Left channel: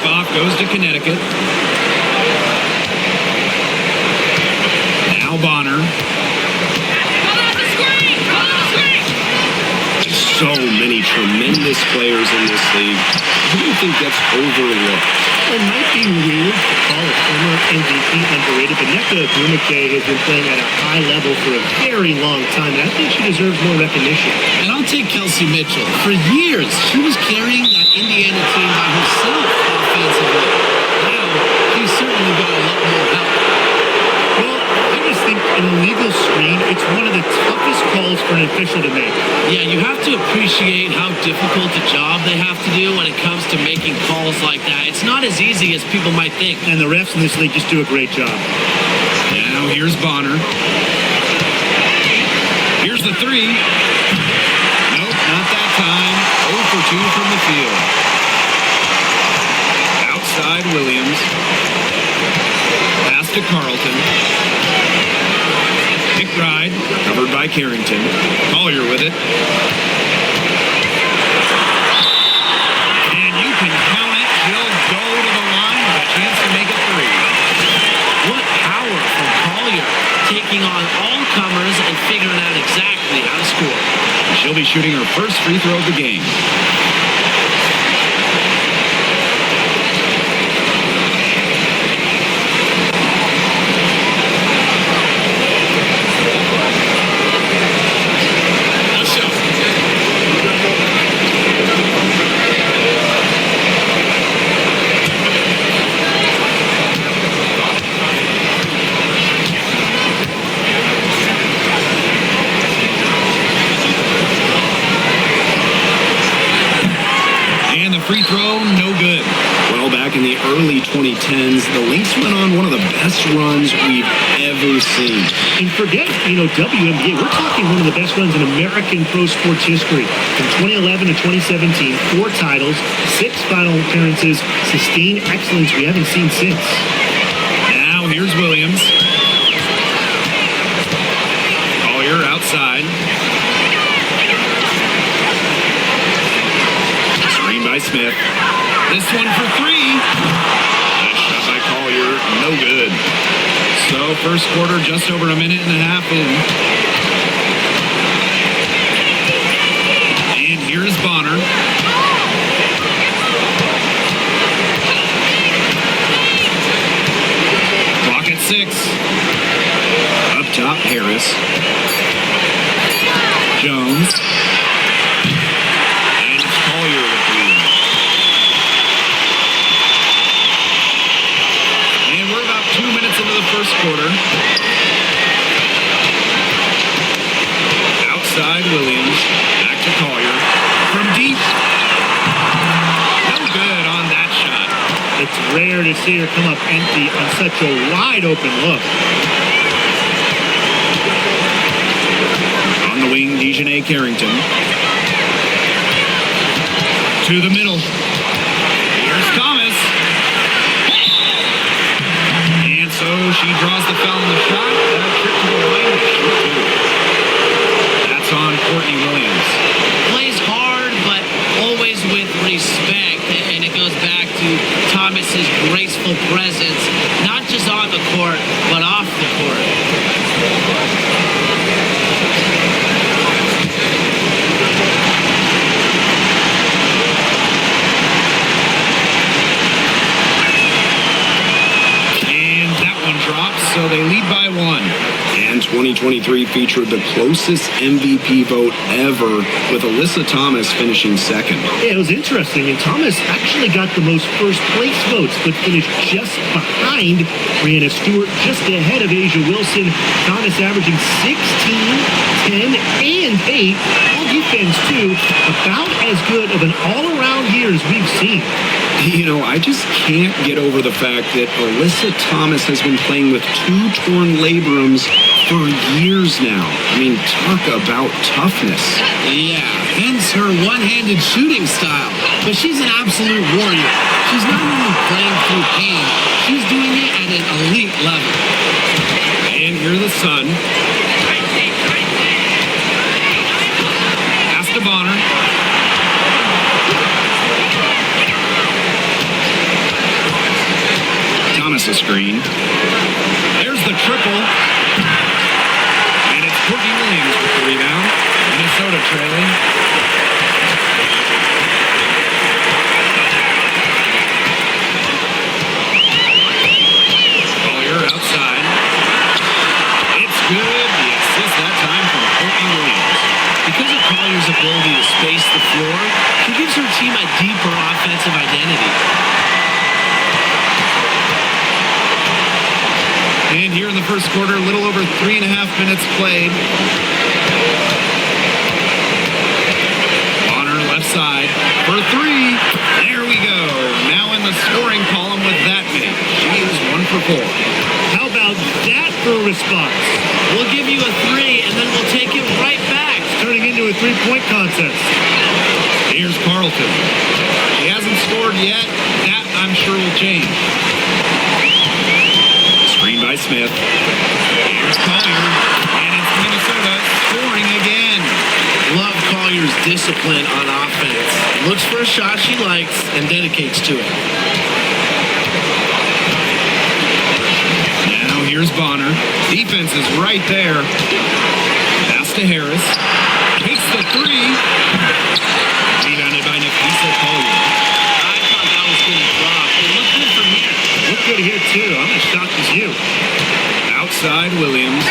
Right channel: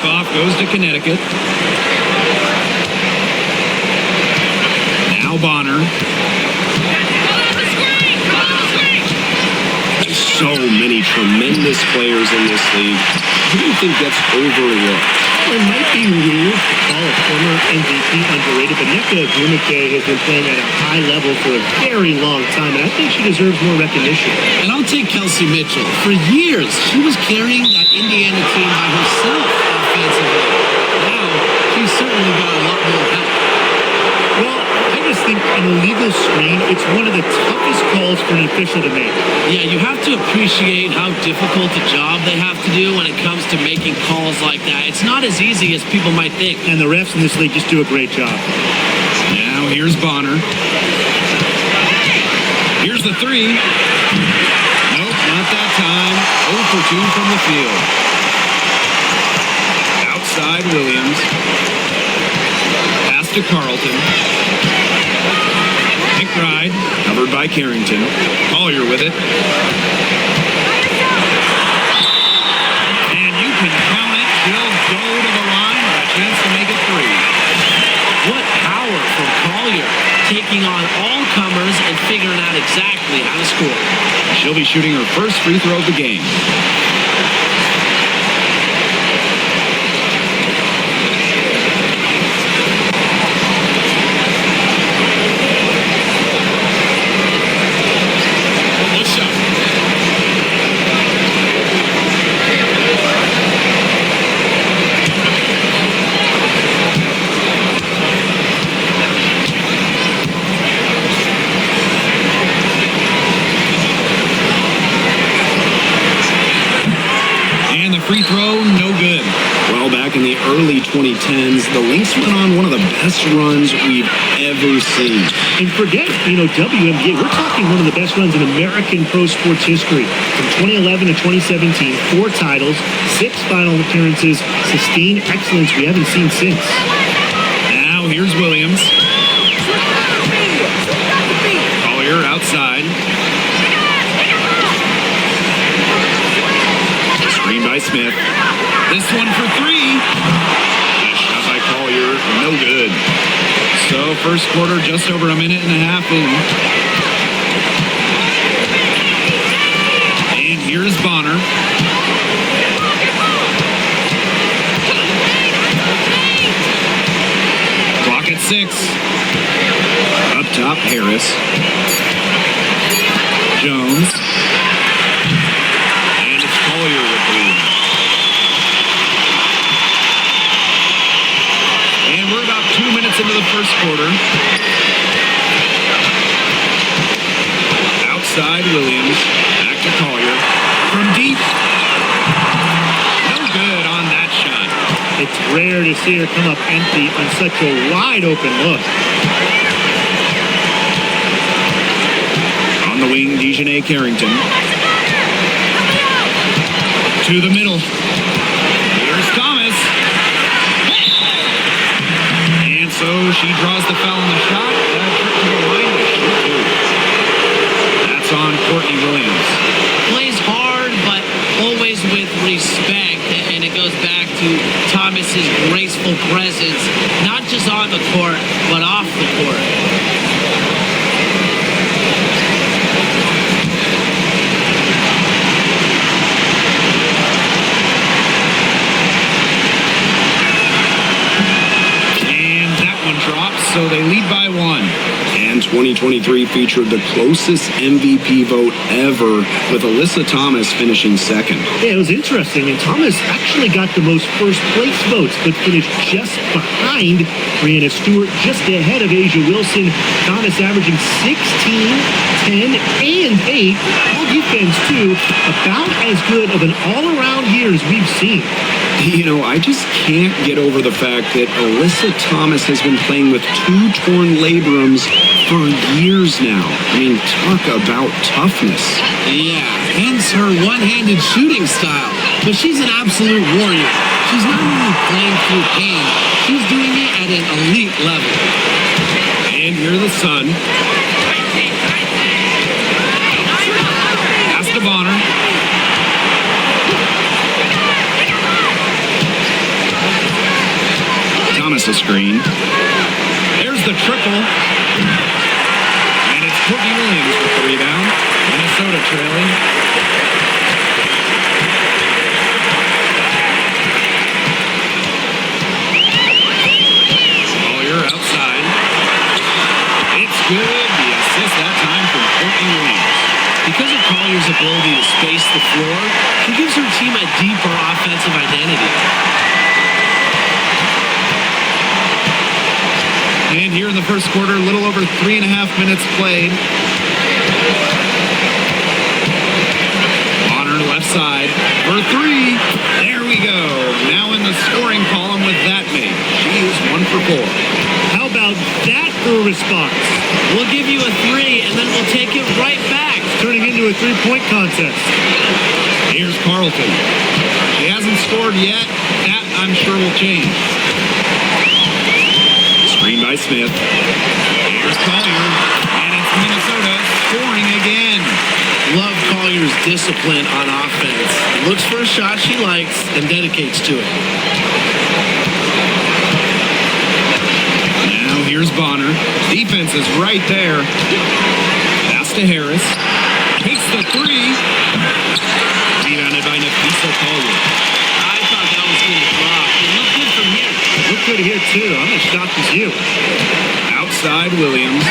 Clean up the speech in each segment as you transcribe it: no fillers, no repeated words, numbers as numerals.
Tip-off goes to Connecticut. Now Bonner. There's so many tremendous players in this league. Who do you think gets overlooked? Well, it might be weird to call a former MVP underrated, but Nneka Ogwumike has been playing at a high level for a very long time, and I think she deserves more recognition. And I'll take Kelsey Mitchell. For years, she was carrying that Indiana team by herself offensively. Now, she's certainly got a lot more help. Well, I just think an illegal screen, it's one of the toughest calls for an official to make. Yeah, you have to appreciate how difficult a job they have to do when it comes to making calls like that. It's not as easy as people might think. And the refs in this league just do a great job. Now here's Bonner. Here's the three. Nope, not that time. 0 for 2 from the field. Outside Williams. Pass to Carlton. McBride, covered by Carrington. Collier with it. And you can count it. She'll go to the line with a chance to make it 3. What power from Collier, taking on all comers and figuring out exactly how to score. She'll be shooting her first free throw of the game. Free throw, no good. Well, back in the early 2010s, the Lynx went on one of the best runs we've ever seen. And forget, WNBA, we're talking one of the best runs in American pro sports history. From 2011 to 2017, 4 titles, 6 final appearances, sustained excellence we haven't seen since. Now here's Williams. Collier outside. Screen by Smith. This one for 3. That shot by Collier, no good. So first quarter, just over a minute and a half in. And here's Bonner. Clock at 6. Up top, Harris. Jones. Collier with the lead. And we're about 2 minutes into the first quarter. Outside Williams. Back to Collier. From deep. No good on that shot. It's rare to see her come up empty on such a wide open look. On the wing, Dejanay Carrington. To the middle. Here's Thomas. And so she draws the foul on the shot. A trip to the line to shoot 2. That's on Courtney Williams. Plays hard, but always with respect. And it goes back to Thomas's graceful presence, not just on the court, but off the court. Drops, so they lead by 1. And 2023 featured the closest MVP vote ever, with Alyssa Thomas finishing second. Yeah, it was interesting, and Thomas actually got the most first place votes, but finished just behind Brianna Stewart, just ahead of Asia Wilson. Thomas averaging 16, 10, and 8. All defense, too. About as good of an all-around year as we've seen. I just can't get over the fact that Alyssa Thomas has been playing with 2 torn labrums for years now. I mean, talk about toughness. Yeah, hence her one-handed shooting style. But she's an absolute warrior. She's not only playing through pain, she's doing it at an elite level. And here's the Sun. Pass to Bonner. Thomas a screen. There's the triple. And it's Courtney Williams with the rebound. Minnesota trailing. Collier outside. It's good. The assist that time from Courtney Williams. Because of Collier's ability to space the floor, she gives her team a deeper offensive identity. And here in the first quarter, a little over 3.5 minutes played. Bonner left side for three. There we go. Now in the scoring column with that mate. She is 1 for 4. How about that for a response? We'll give you a 3, and then we'll take it right back. It's turning into a three-point contest. Here's Carlton. She hasn't scored yet. That, I'm sure, will change. Screen by Smith. Here's Collier. And it's Minnesota scoring again. Love Collier's discipline on offense. Looks for a shot she likes and dedicates to it. Now here's Bonner. Defense is right there. Pass to Harris. Takes the 3. Rebounded by Nafisa Collier. I thought that was going to drop. It looked good from here. Look good here, too. I'm as shocked as you. Outside Williams.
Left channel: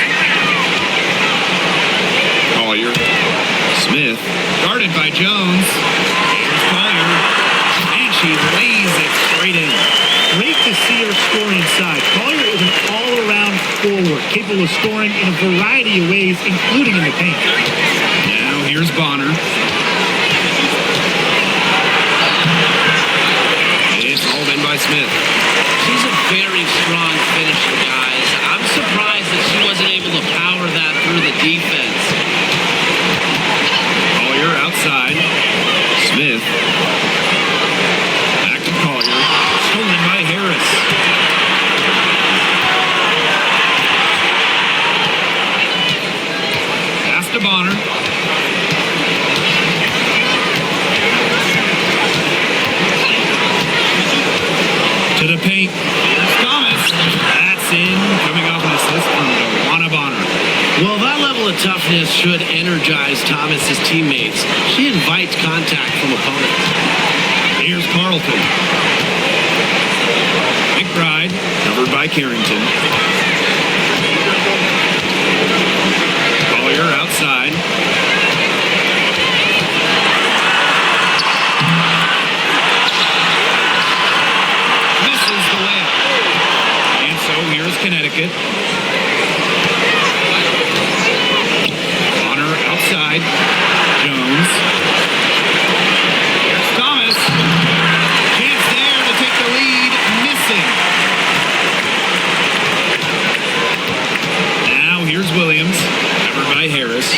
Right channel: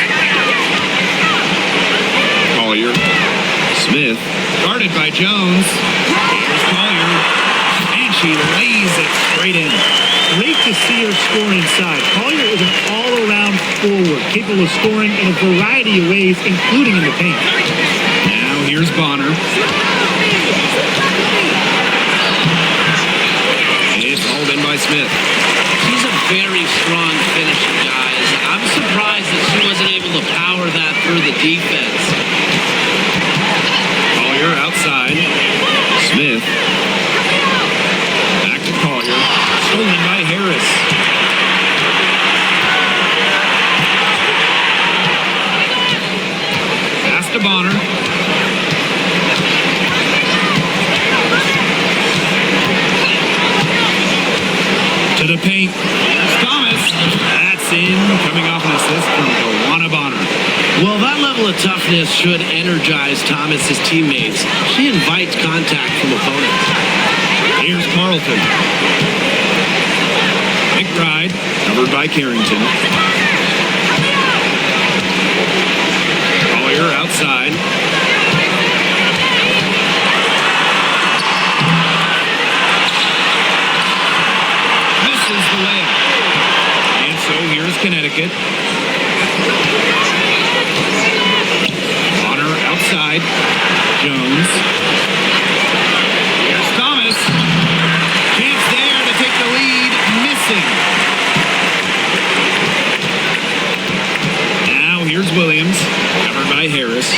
Collier. Smith. Guarded by Jones. Here's Collier. And she lays it straight in. Great to see her score inside. Collier is an all-around forward, capable of scoring in a variety of ways, including in the paint. Now here's Bonner. It's hauled in by Smith. She's a very strong finisher, guys. I'm surprised that she wasn't able to power that through the defense. Collier outside. Smith. Back to Collier. Stolen by Harris. Pass to Bonner. To the paint. Here's Thomas. That's in. Coming off an assist from DeWanna Bonner. Well, that level of toughness should energize Thomas's teammates. She invites contact from opponents. Here's Carlton. McBride. Covered by Carrington. Collier outside. Misses the layup. And so here's Connecticut. Bonner outside. Jones. Here's Thomas. Chance there to take the lead. Missing. Now here's Williams. Covered by Harris.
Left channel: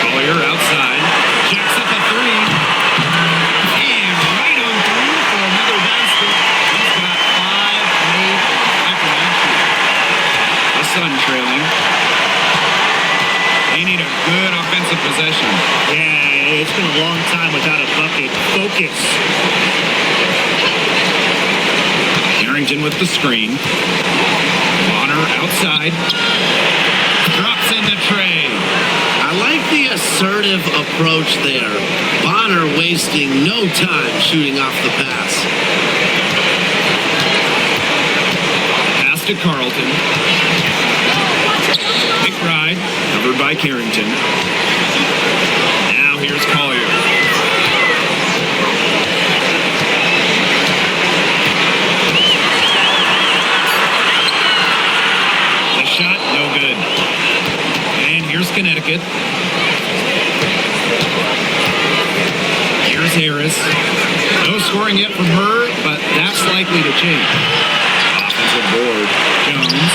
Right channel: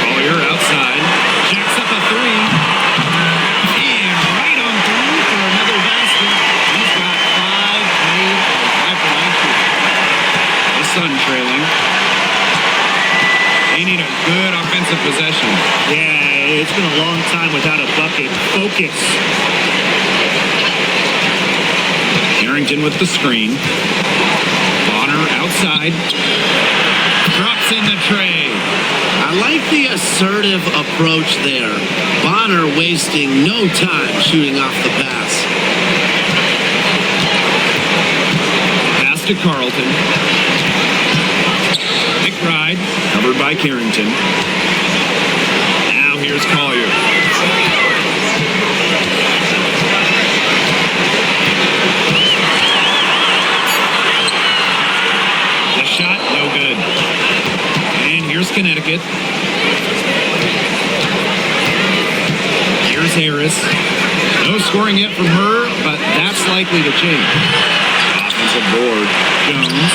Collier outside. Jacks up a 3. And right on through for another basket. He's got 5 made on 5 for 9 shooting. The Sun trailing. They need a good offensive possession. Yeah, it's been a long time without a bucket. Focus. Carrington with the screen. Bonner outside. Drops in the tray. I like the assertive approach there. Bonner wasting no time shooting off the pass. Pass to Carlton. McBride. Covered by Carrington. Now here's Collier. The shot, no good. And here's Connecticut. Here's Harris. No scoring yet from her, but that's likely to change. Offensive board. Jones.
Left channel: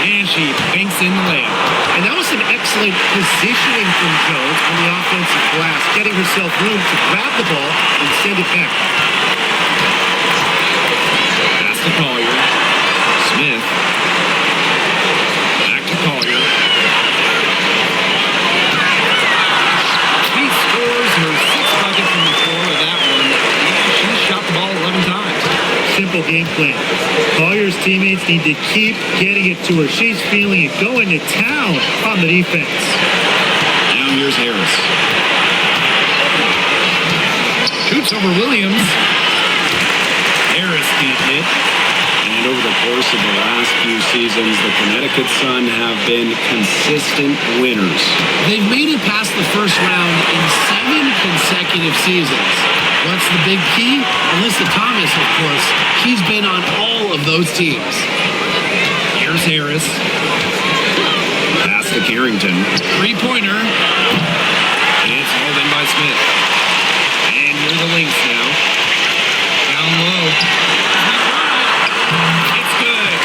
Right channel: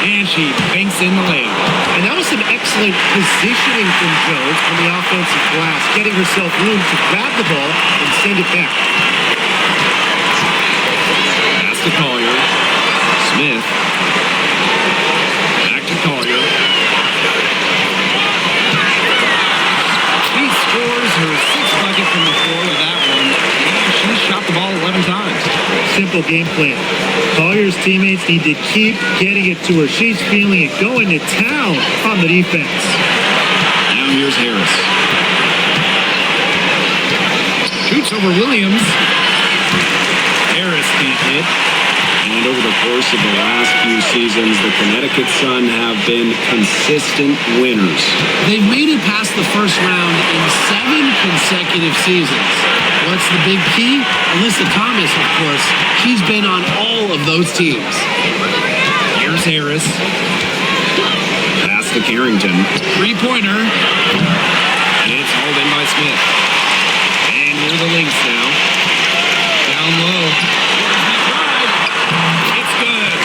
And she banks in the layup. And that was some excellent positioning from Jones on the offensive glass, getting herself room to grab the ball and send it back. Pass to Collier. Smith. Back to Collier. She scores her 6th bucket from the floor with that one. And she shot the ball 11 times. Simple game plan. Collier's teammates need to keep getting it to her. She's feeling it, going to town on the defense. Now here's Harris. Shoots over Williams. Harris can't hit. And over the course of the last few seasons, the Connecticut Sun have been consistent winners. They've made it past the first round in 7 consecutive seasons. What's the big key? Alyssa Thomas, of course. She's been on all of those teams. Here's Harris. Pass to Carrington. Three-pointer. It's hauled in by Smith. And here are the Lynx now. Down low. Here's McBride. It's good.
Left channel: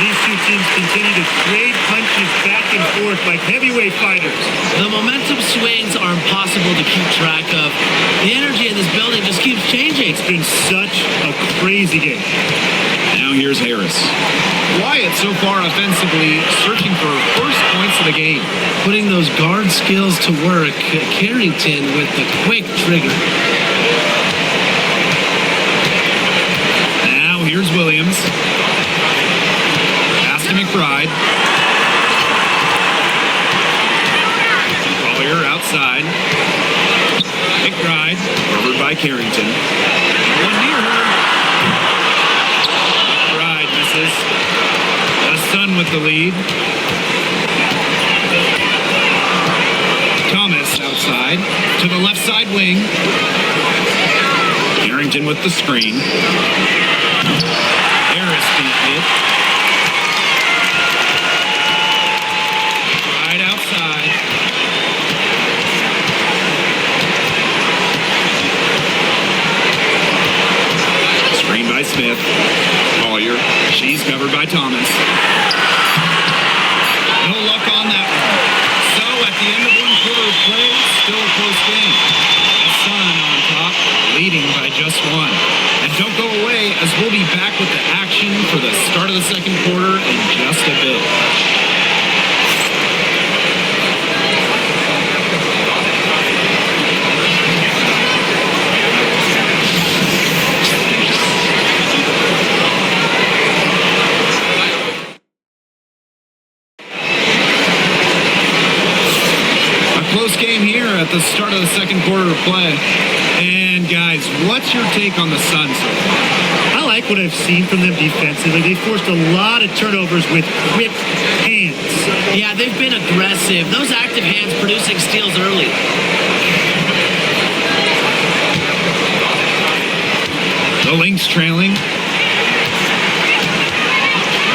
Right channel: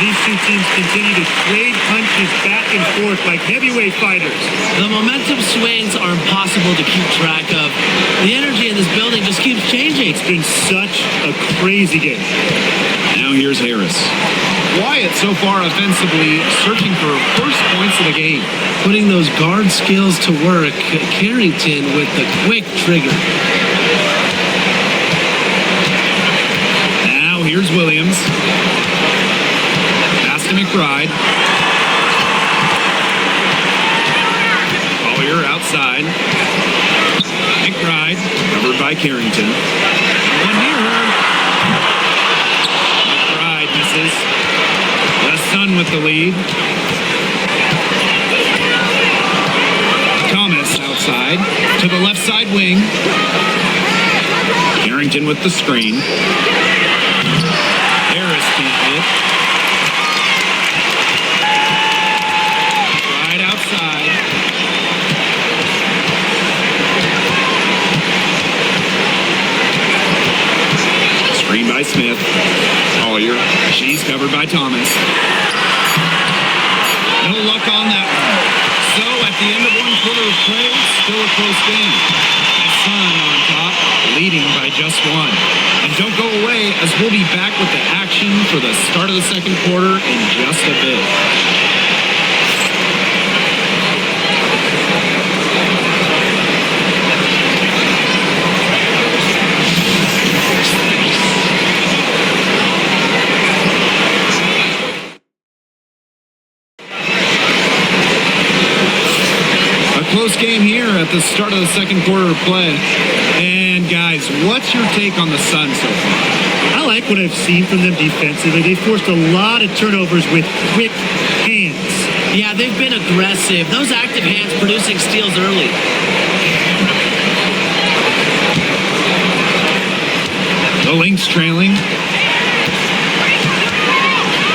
These two teams continue to trade punches back and forth like heavyweight fighters. The momentum swings are impossible to keep track of. The energy in this building just keeps changing. It's been such a crazy game. Now here's Harris. Wyatt so far offensively searching for first points of the game. Putting those guard skills to work. Carrington with the quick trigger. Now here's Williams. Pass to McBride. Collier outside. McBride covered by Carrington. No one near her. McBride misses. The Sun with the lead. Thomas outside to the left side wing. Carrington with the screen. Harris can't hit. Right outside. Screen by Smith. Collier. She's covered by Thomas. No luck on that one. So at the end of one quarter of play, still a close game. The Sun on top, leading by just 1. And don't go away, as we'll be back with the action for the start of the second quarter in just a bit. Close game here at the start of the second quarter of play. And guys, what's your take on the Sun so far? I like what I've seen from them defensively. They forced a lot of turnovers with quick hands. Yeah, they've been aggressive. Those active hands producing steals early. The Lynx trailing.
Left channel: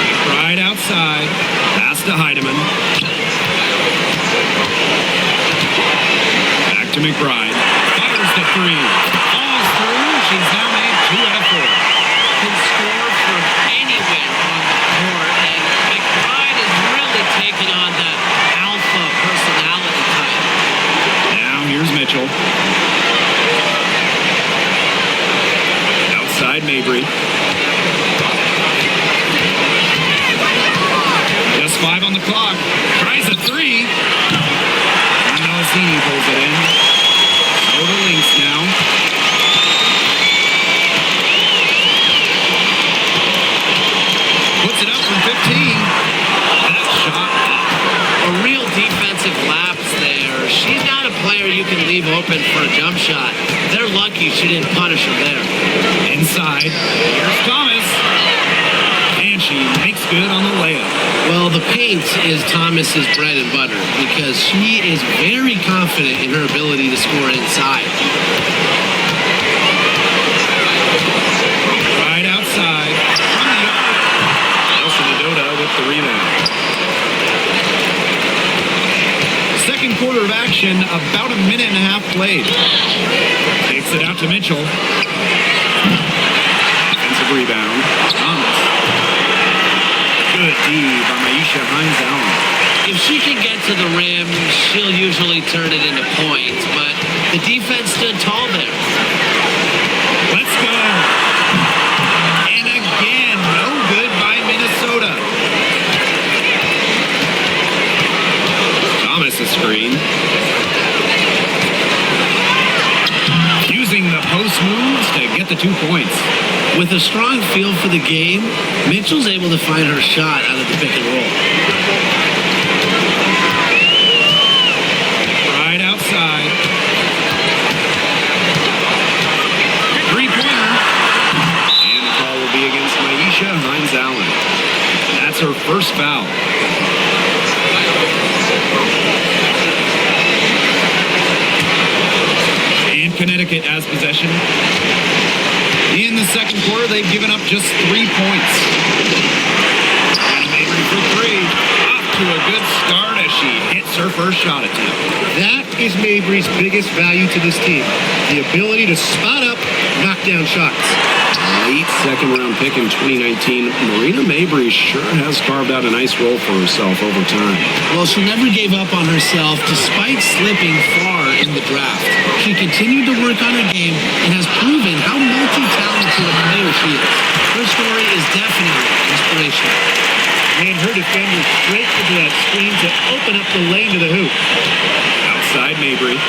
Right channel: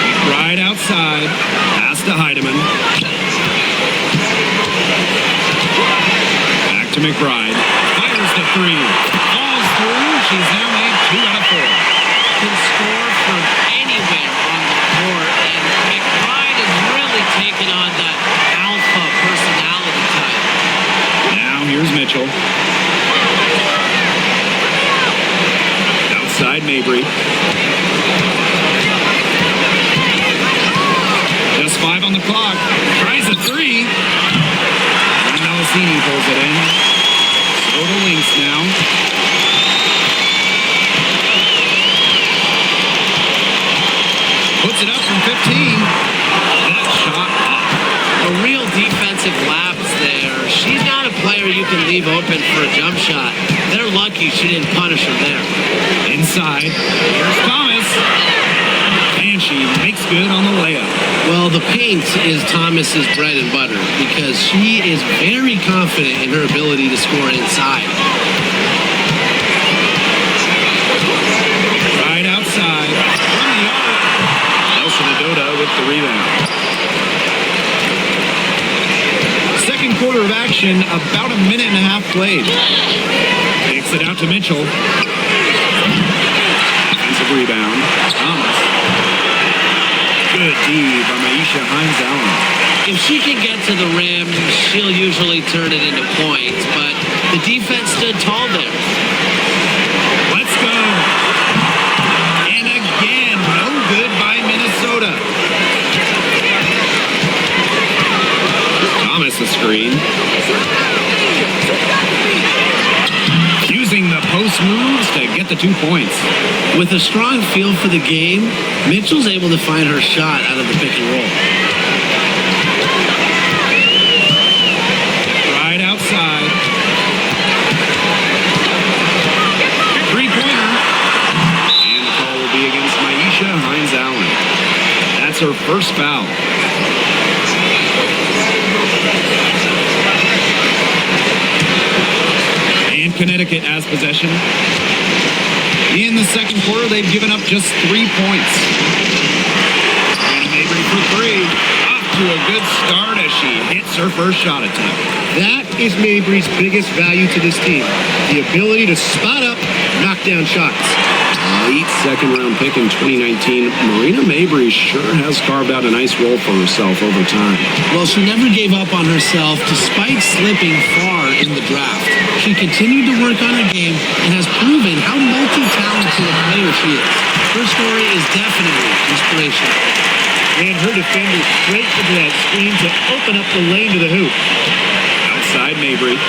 McBride outside. Pass to Heidemann. To McBride. Fires the 3. Falls through. She's now made 2 out of 4. Can score from anywhere on the court. And McBride has really taken on that alpha personality type. Now here's Mitchell. Outside Mabry. Just 5 on the clock. Tries a 3. Melasini pulls it in. So the Lynx now. Puts it up from 15. That shot off. A real defensive lapse there. She's not a player you can leave open for a jump shot. They're lucky she didn't punish her there. Inside. Here's Thomas. And she makes good on the layup. Well, the paint is Thomas's bread and butter because she is very confident in her ability to score inside. Right outside from the arc. Nelson Adota with the rebound. Second quarter of action, about a minute and a half played. Kicks it out to Mitchell. Offensive rebound. Thomas. Good D by Maisha Hines-Allen. If she can get to the rim, she'll usually turn it into points, but the defense stood tall there. Let's go. And again, no good by Minnesota. Thomas a screen. post moves to get the 2 points. With a strong feel for the game, Mitchell's able to find her shot out of the pick and roll. Right outside. Three-pointer. And the call will be against Maisha Hines-Allen. That's her first foul. And Connecticut has possession. In the second quarter, they've given up just 3 points. Marina Mabrey for three. Off to a good start as she hits her first shot attempt. That is Mabrey's biggest value to this team. The ability to spot up, knock down shots. Late second-round pick in 2019, Marina Mabrey sure has carved out a nice role for herself over time. Well, she never gave up on herself despite slipping far in the draft. She continued to work on her game and has proven how multi-talented a player she is. Her story is definitely inspirational. Ran her defender straight into that screen to open up the lane to the hoop. Outside Mabrey.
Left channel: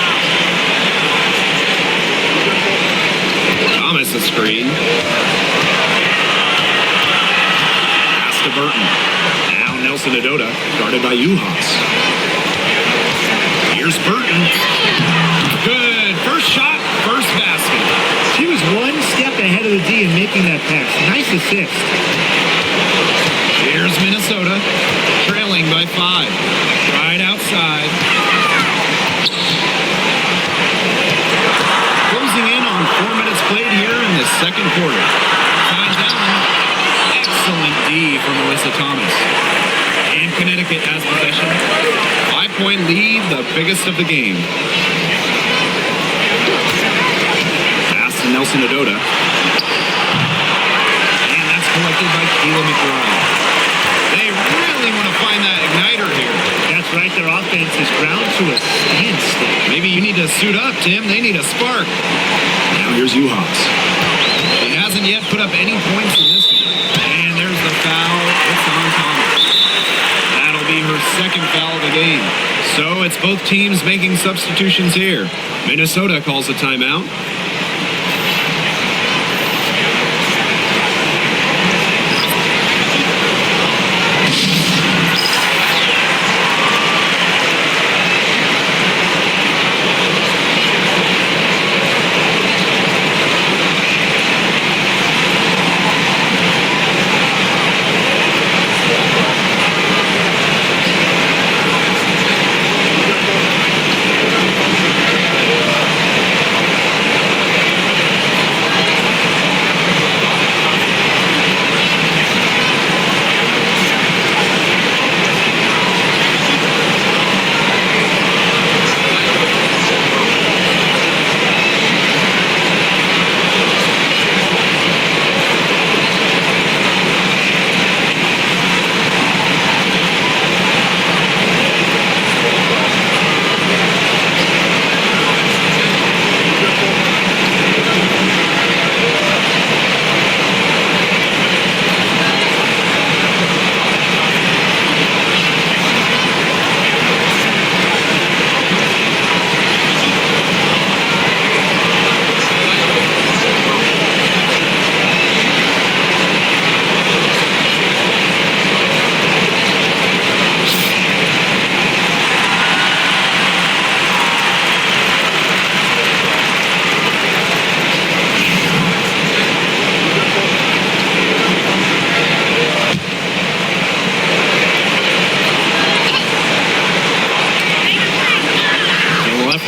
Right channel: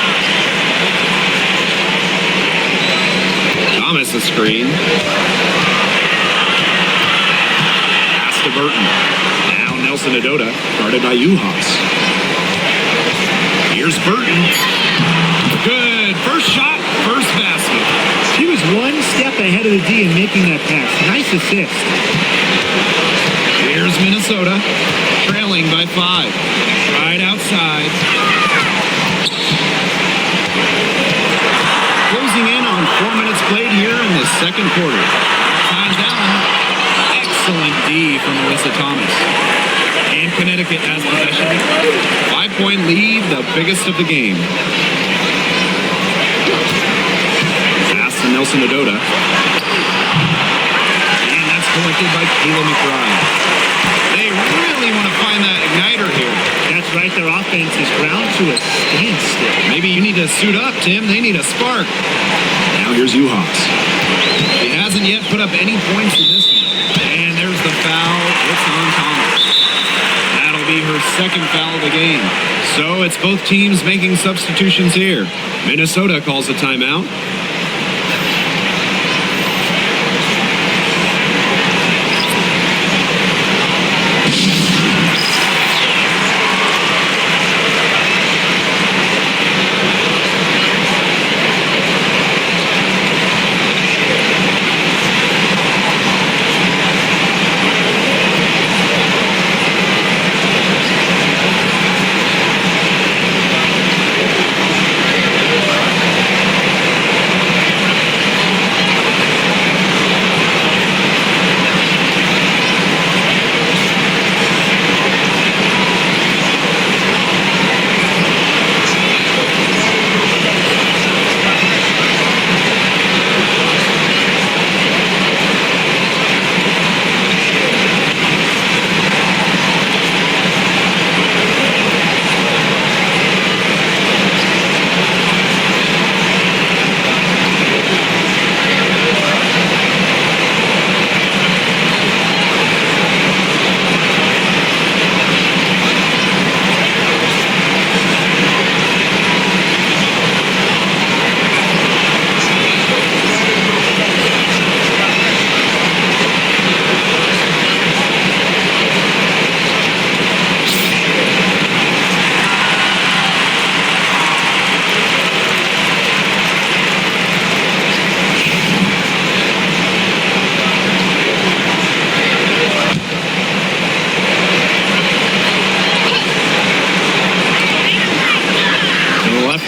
Thomas a screen. Pass to Burton. Now Nelson Adota, guarded by Uhas. Here's Burton. Good. First shot, first basket. She was one step ahead of the D in making that pass. Nice assist. Here's Minnesota, trailing by 5. Right outside. Closing in on 4 minutes played here in the second quarter. Here's Hines-Allen. Excellent D from Alyssa Thomas. And Connecticut has possession. 5-point lead, the biggest of the game. Pass to Nelson Adota. And that's collected by Kayla McBride. They really want to find that igniter here. That's right. Their offense is ground to a standstill. Maybe you need to suit up, Tim. They need a spark. Now here's Uhas. She hasn't yet put up any points in this one. And there's the foul. It's on Thomas. That'll be her second foul of the game. So it's both teams making substitutions here. Minnesota calls a timeout.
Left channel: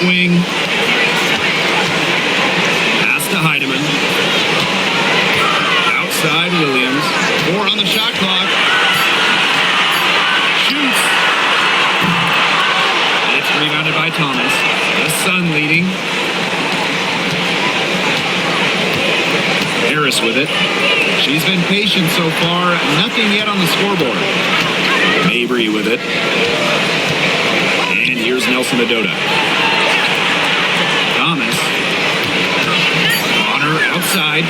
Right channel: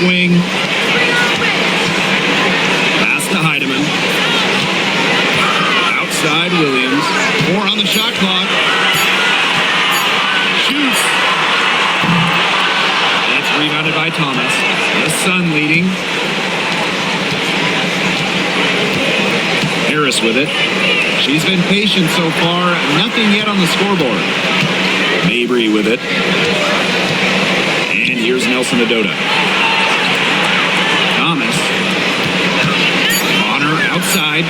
Wing. Pass to Heidemann. Outside Williams. 4 on the shot clock. Shoots. It's rebounded by Thomas. The Sun leading. Harris with it. She's been patient so far. Nothing yet on the scoreboard. Mabrey with it. And here's Nelson Adota. Thomas. Bonner outside.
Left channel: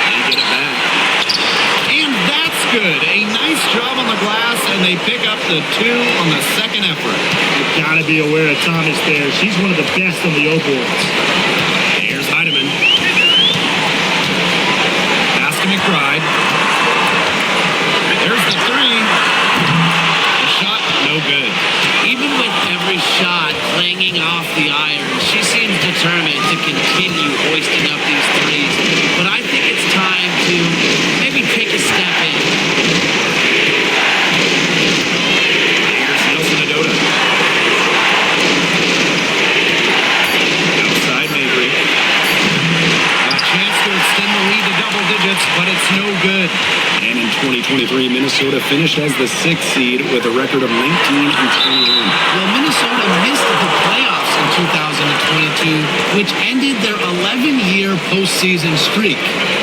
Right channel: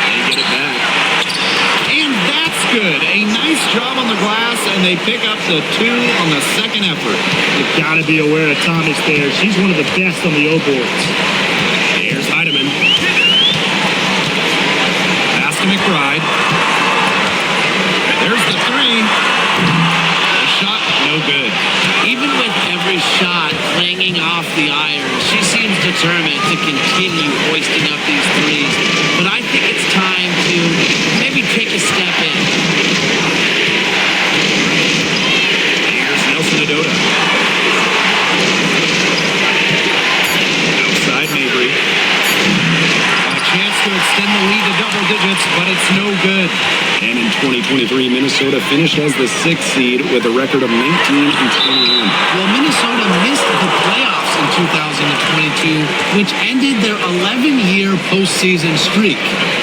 They get it back. And that's good. A nice job on the glass, and they pick up the 2 on the second effort. You've got to be aware of Thomas there. She's one of the best on the O boards. Kreidemann. Pass to McBride. There's the three. The shot, no good. Even with every shot clanging off the iron, she seems determined to continue hoisting up these threes. But I think it's time to maybe take a step in. Here's Nelson Adota. Outside Mabry. A chance to extend the lead to double digits, but it's no good. And in 2023, Minnesota finished as the 6th seed with a record of 19-21. Well, Minnesota missed the playoffs in 2022, which ended their 11-year postseason streak.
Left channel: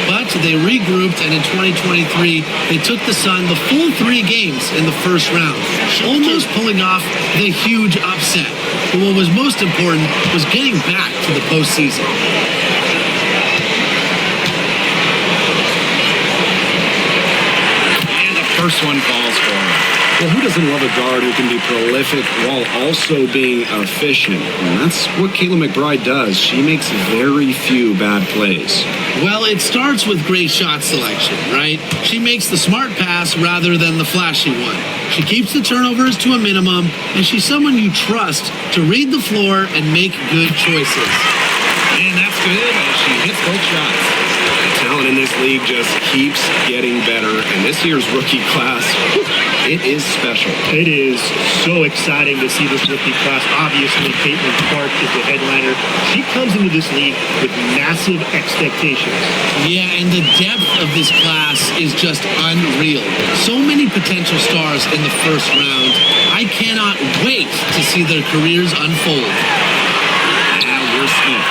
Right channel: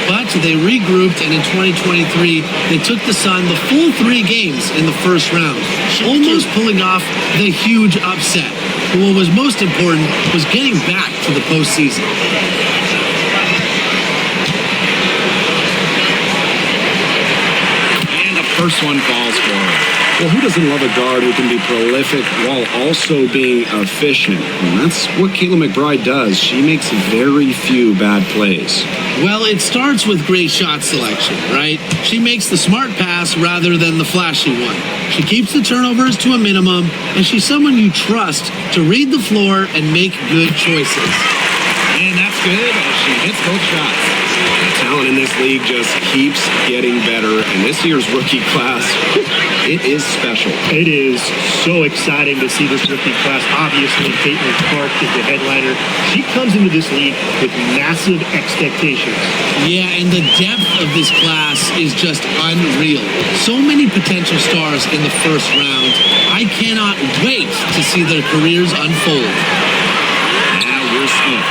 But they regrouped, and in 2023, they took the Sun the full 3 games in the first round, almost pulling off the huge upset. But what was most important was getting back to the postseason. First one falls for her. Well, who doesn't love a guard who can be prolific while also being efficient? And that's what Kayla McBride does. She makes very few bad plays. Well, it starts with great shot selection, right? She makes the smart pass rather than the flashy one. She keeps the turnovers to a minimum, and she's someone you trust to read the floor and make good choices. And that's good as she hits both shots. The talent in this league just keeps getting better, and this year's rookie class, it is special. It is so exciting to see this rookie class. Obviously, Caitlin Clark is the headliner. She comes into this league with massive expectations. Yeah, and the depth of this class is just unreal. So many potential stars in the first round. I cannot wait to see their careers unfold. Now here's Smith.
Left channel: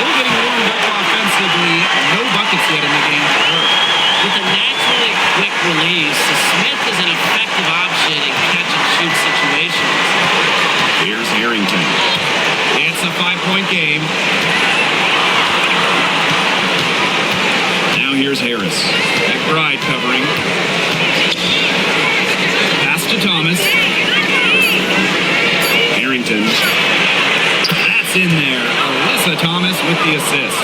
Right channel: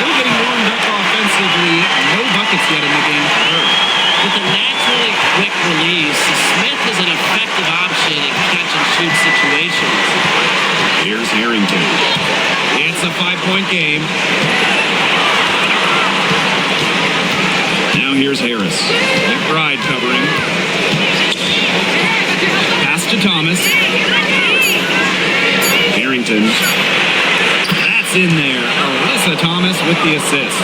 Still getting warmed up offensively. No buckets yet in the game for her. With a naturally quick release, Smith is an effective option in catch-and-shoot situations. Here's Harrington. It's a 5-point game. Now here's Harris. McBride covering. Pass to Thomas. Harrington. That's in there. Alyssa Thomas with the assist.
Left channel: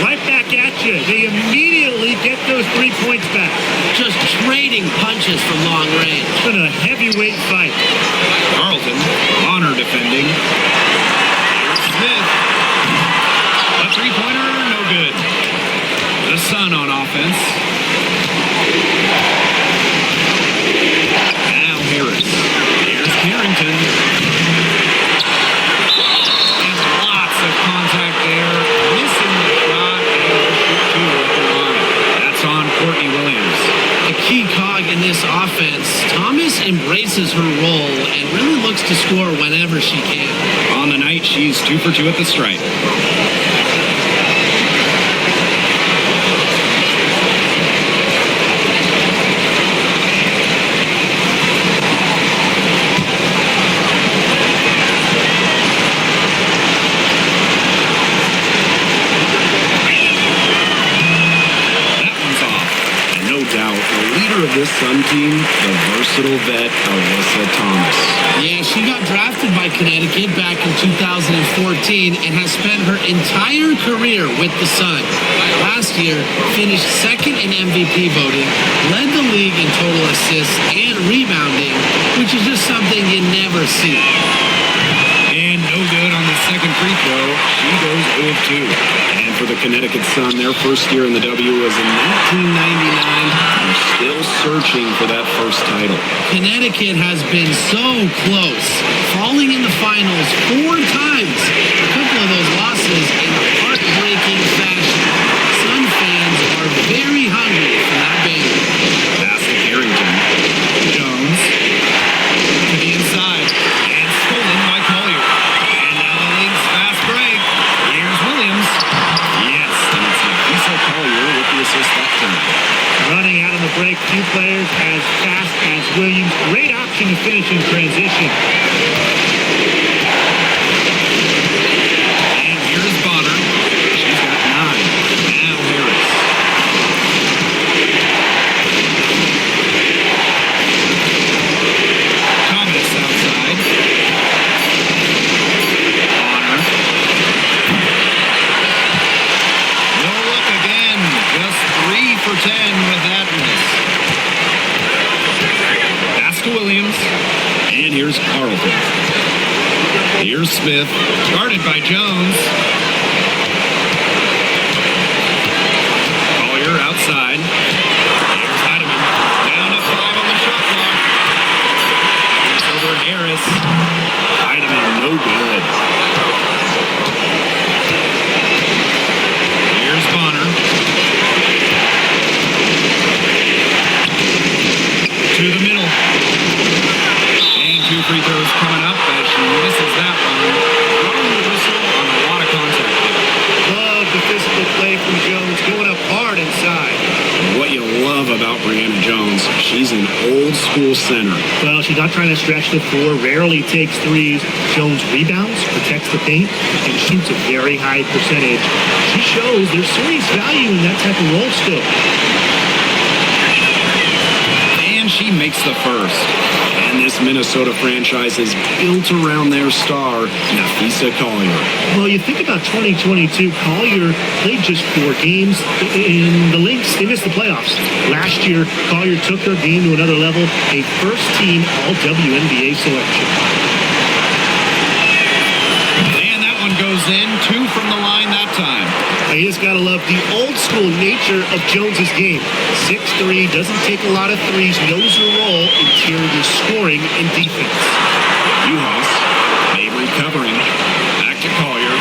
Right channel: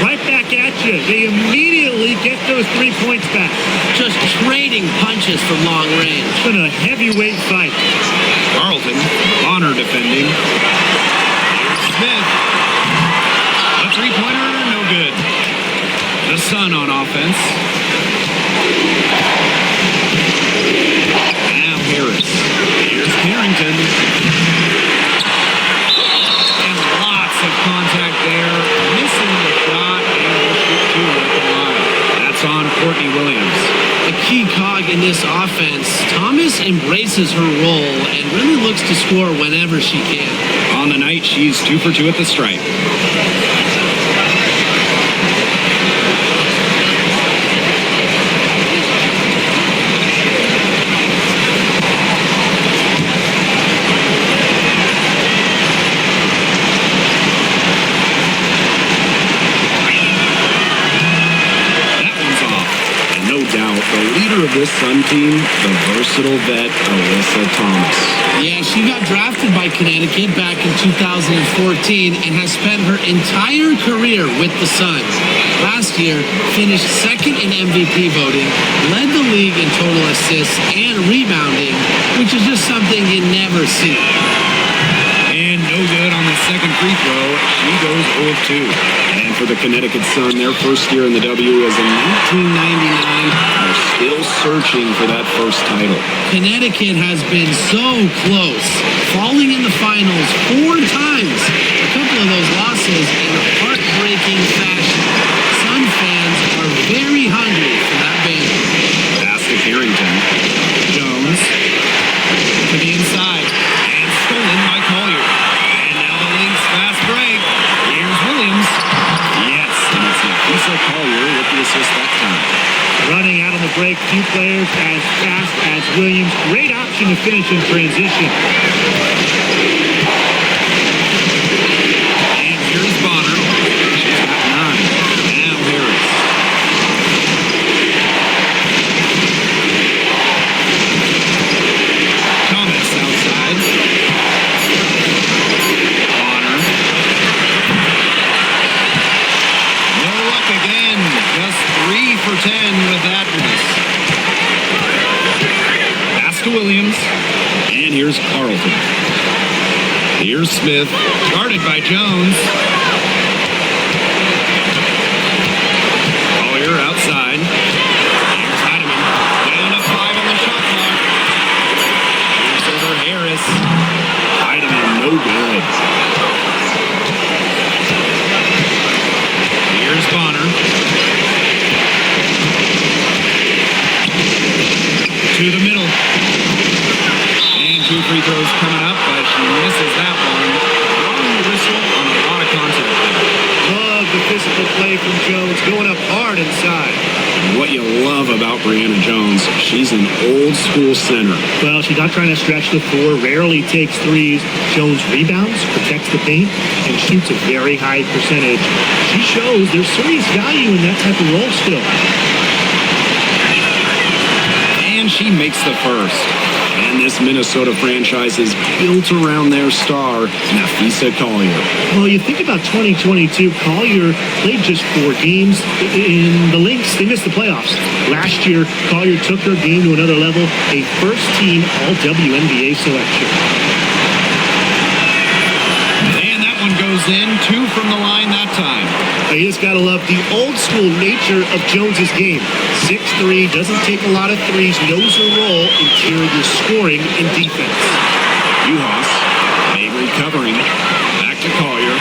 Right back at you. They immediately get those 3 points back. Just trading punches from long range. It's been a heavyweight fight. Carlton. Bonner defending. Here's Smith. A three-pointer, no good. The Sun on offense. Now Harris. Here's Carrington. And lots of contact there. Missing the shot, and will shoot 2 at the line. That's on Courtney Williams. A key cog in this offense. Thomas embraces her role and really looks to score whenever she can. On the night, she's 2 for 2 at the stripe. Doubt the leader of this Sun team, the versatile vet Alyssa Thomas. Yeah, she got drafted by Connecticut back in 2014 and has spent her entire career with the Sun. Last year, finished second in MVP voting, led the league in total assists and rebounding, which is just something you never see. And no good on the second free throw. She goes 0 of 2. And for the Connecticut Sun, their first year in the W was in 1999. They're still searching for that first title. Connecticut has been so close, falling in the finals 4 times. A couple of those losses in heartbreaking fashion. Sun fans are very hungry for that banner. Pass to Carrington. Jones to the inside and stolen by Collier. And now the Lynx fast break. Here's Williams. Yes, and it's Nafisa Collier with the assist that time. Running out on the break, few players as fast as Williams. Great option to finish in transition. And here's Bonner. She's got 9. Now Harris. Thomas outside. Just 3 for 10 with that miss. Pass to Williams. And here's Carlton. Here's Smith. Guarded by Jones. Collier outside. Here's Heidemann. Down to 5 on the shot clock. Here's over Harris. Heidemann, no good. Here's Bonner. To the middle. And 2 free throws coming up as she misses that one. Drawing the whistle on a lot of contact there. Love the physical play from Jones, going up hard inside. And what you love about Brianna Jones, she's an old school center. Well, she's not trying to stretch the floor, rarely takes threes. Jones rebounds, protects the paint, and shoots a very high percentage. She shows there's serious value in that type of role still. And she makes the first. And this Minnesota franchise is built around their star, Napheesa Collier. Well, you think about 2022, Collier played just 4 games in the Lynx. They missed the playoffs. Last year, Collier took her game to another level, a first-team All-WNBA selection. And that one goes in. 2 from the line that time. You just got to love the old-school nature of Jones's game. 6'3", doesn't take a lot of threes, knows her role, interior scoring and defense. Uhas, Mabry covering. Back to Collier.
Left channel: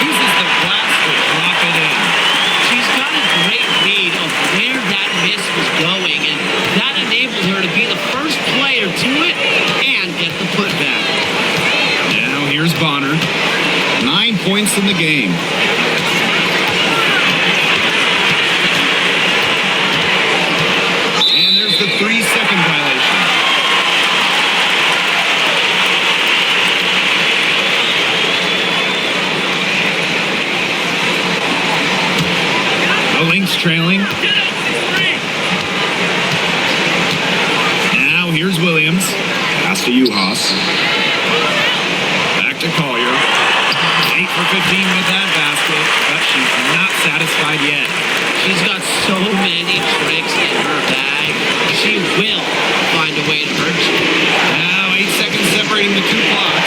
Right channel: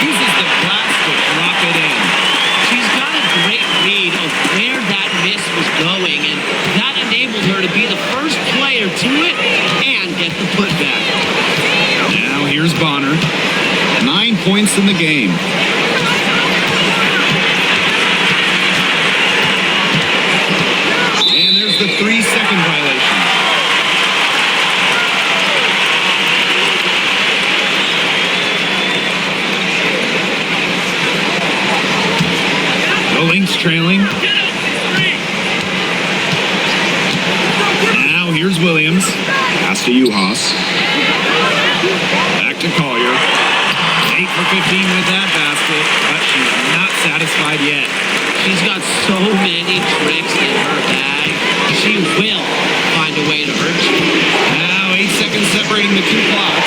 Uses the glass to drop it in. She's got a great read of where that miss was going, and that enabled her to be the first player to it and get the putback. Now here's Bonner. 9 points in the game. And there's the 3-second violation. The Lynx trailing. Now here's Williams. Pass to Uhas. Back to Collier. 8 for 15 with that basket, but she's not satisfied yet. She's got so many tricks in her bag. She will find a way to hurt you. Now 8 seconds separating the 2 clocks.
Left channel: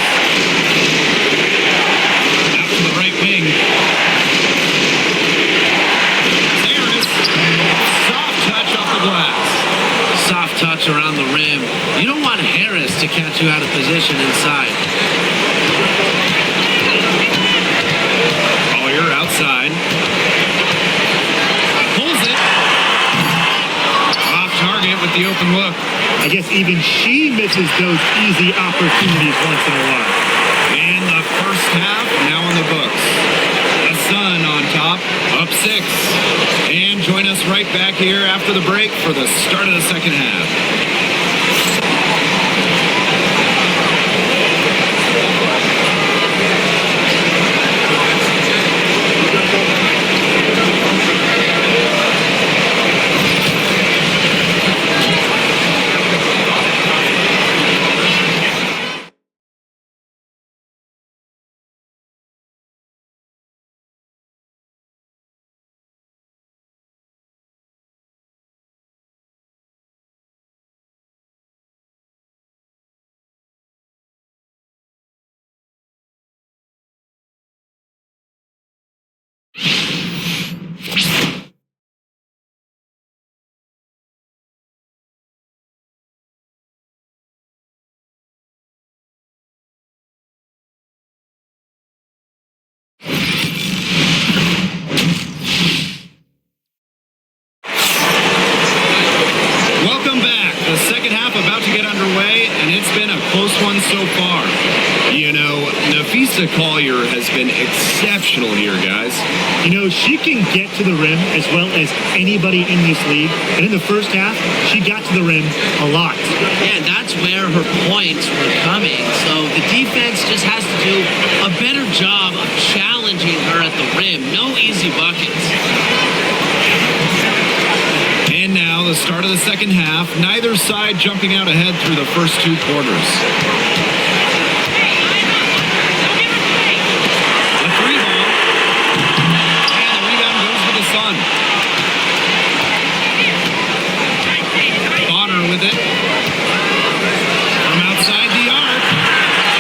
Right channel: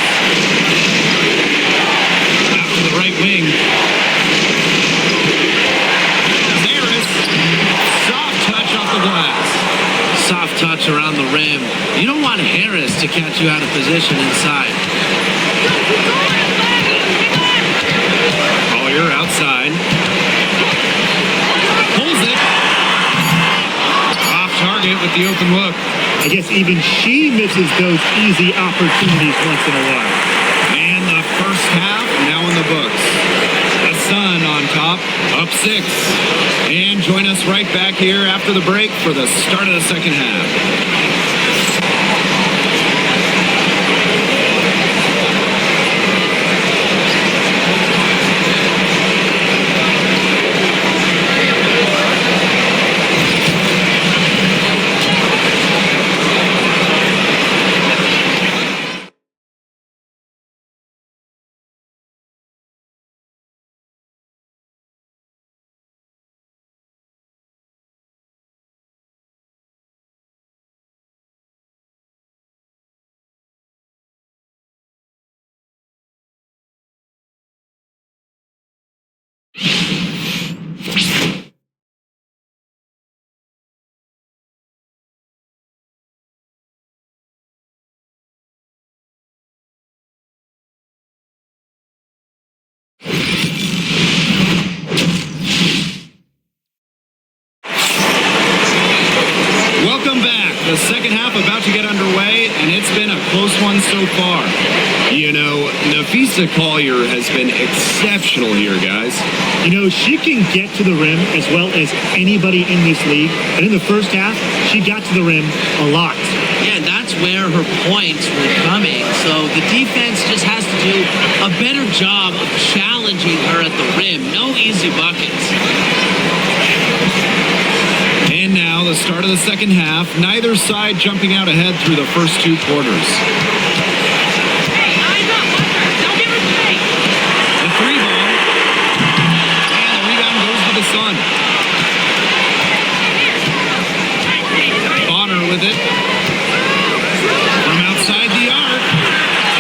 Out to the right wing. Harris. Soft touch off the glass. Soft touch around the rim. You don't want Harris to catch you out of position inside. Collier outside. Pulls it. Off target with the open look. I guess even she misses those easy opportunities once in a while. And the first half now in the books. The Sun on top, up 6. And join us right back here after the break for the start of the second half. Welcome back. The second half about to get underway, and it's been a close one so far. You know, Napheesa Collier has been exceptional here, guys. You know, she can get to the rim as well as anybody in this league. And in the first half, she got to the rim a lot. Yeah, and that's where her points were coming. So the defense just has to do a better job of challenging her at the rim. No easy buckets. And now the start of the second half. Neither side jumping out ahead through the first 2 quarters. Hey, eyes up, watch her. Don't give her space. The 3 ball. the Sun. Bonner with it. From outside the arc.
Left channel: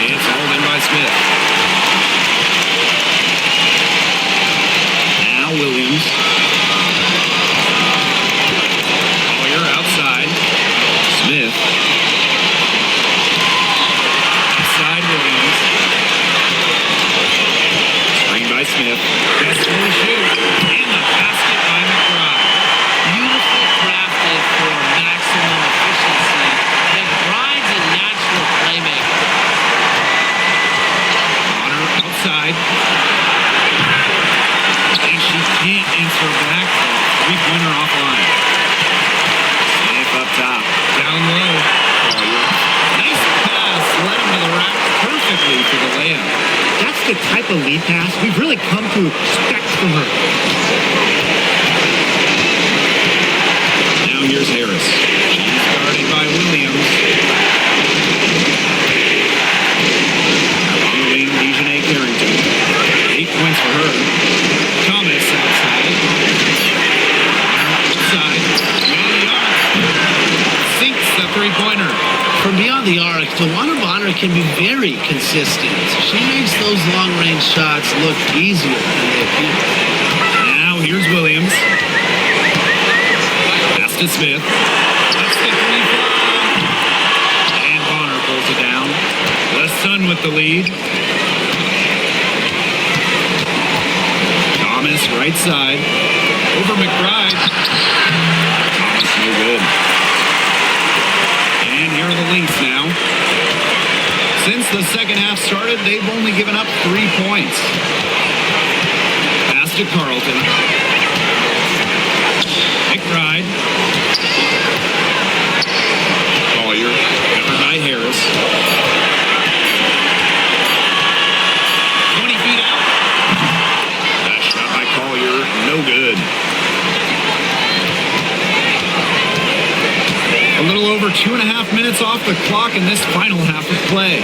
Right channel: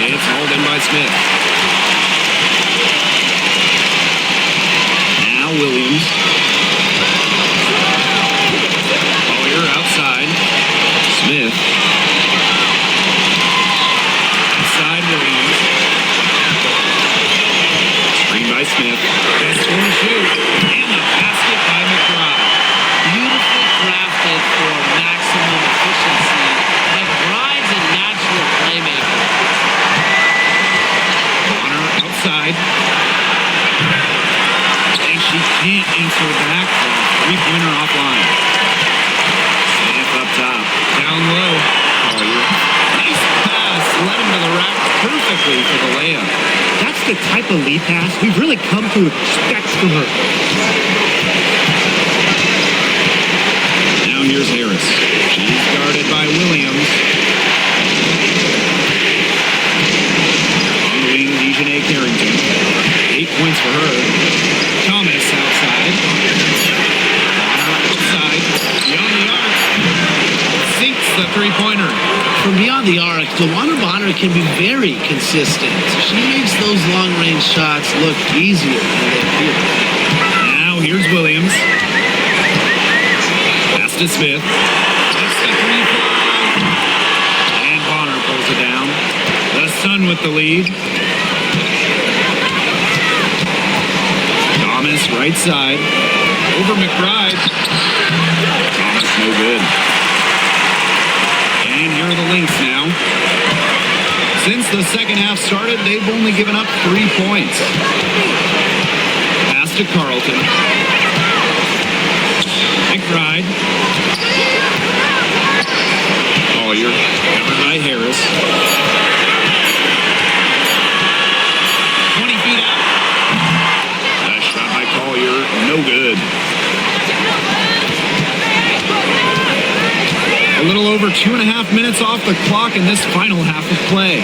It's hauled in by Smith. Now Williams. Collier outside. Smith. Inside Williams. Screen by Smith. Just for to shoot. And the basket by McBride. Beautifully crafted for maximum efficiency. McBride's a natural playmaker. Bonner outside. And she can't answer back the three-pointer offline. Smith up top. Down low. Collier. Nice pass. Led him to the rack perfectly for the layup. That's the type of lead pass we've really come to expect from her. Now here's Harris. She's guarded by Williams. On the wing, Dejanay Carrington. 8 points for her. Thomas outside. Bonner outside. Beyond the arc. Sinks the three-pointer. From beyond the arc, DeWanna Bonner can be very consistent. She makes those long-range shots look easier than they appear. Now here's Williams. Pass to Smith. Lets the three fly. And Bonner pulls it down. The Sun with the lead. Thomas right side. Over McBride. Thomas no good. And here are the Lynx now. Since the second half started, they've only given up 3 points. Pass to Carlton. McBride. Collier. Covered by Harris. 20 feet out. The shot by Collier. No good. A little over 2.5 minutes off the clock in this final half of play.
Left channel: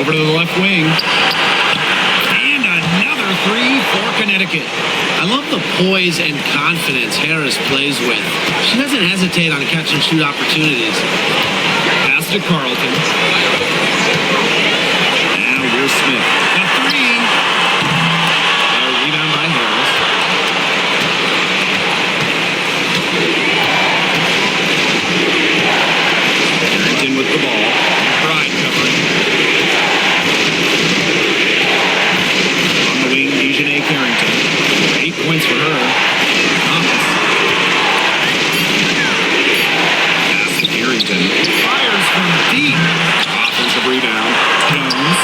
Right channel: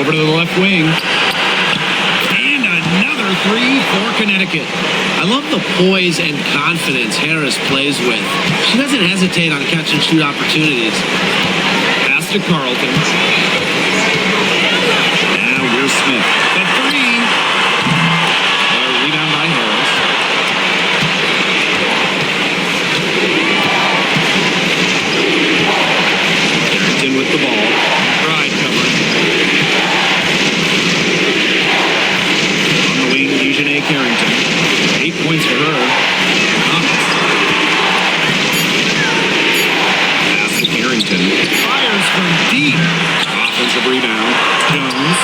Over to the left wing. And another three for Connecticut. I love the poise and confidence Harris plays with. She doesn't hesitate on catch and shoot opportunities. Pass to Carlton. Now here's Smith. The three. A rebound by Harris. Carrington with the ball. McBride covering. On the wing, Dejanay Carrington. 8 points for her. Thomas. Pass to Carrington. Fires from deep. Offensive rebound. Jones.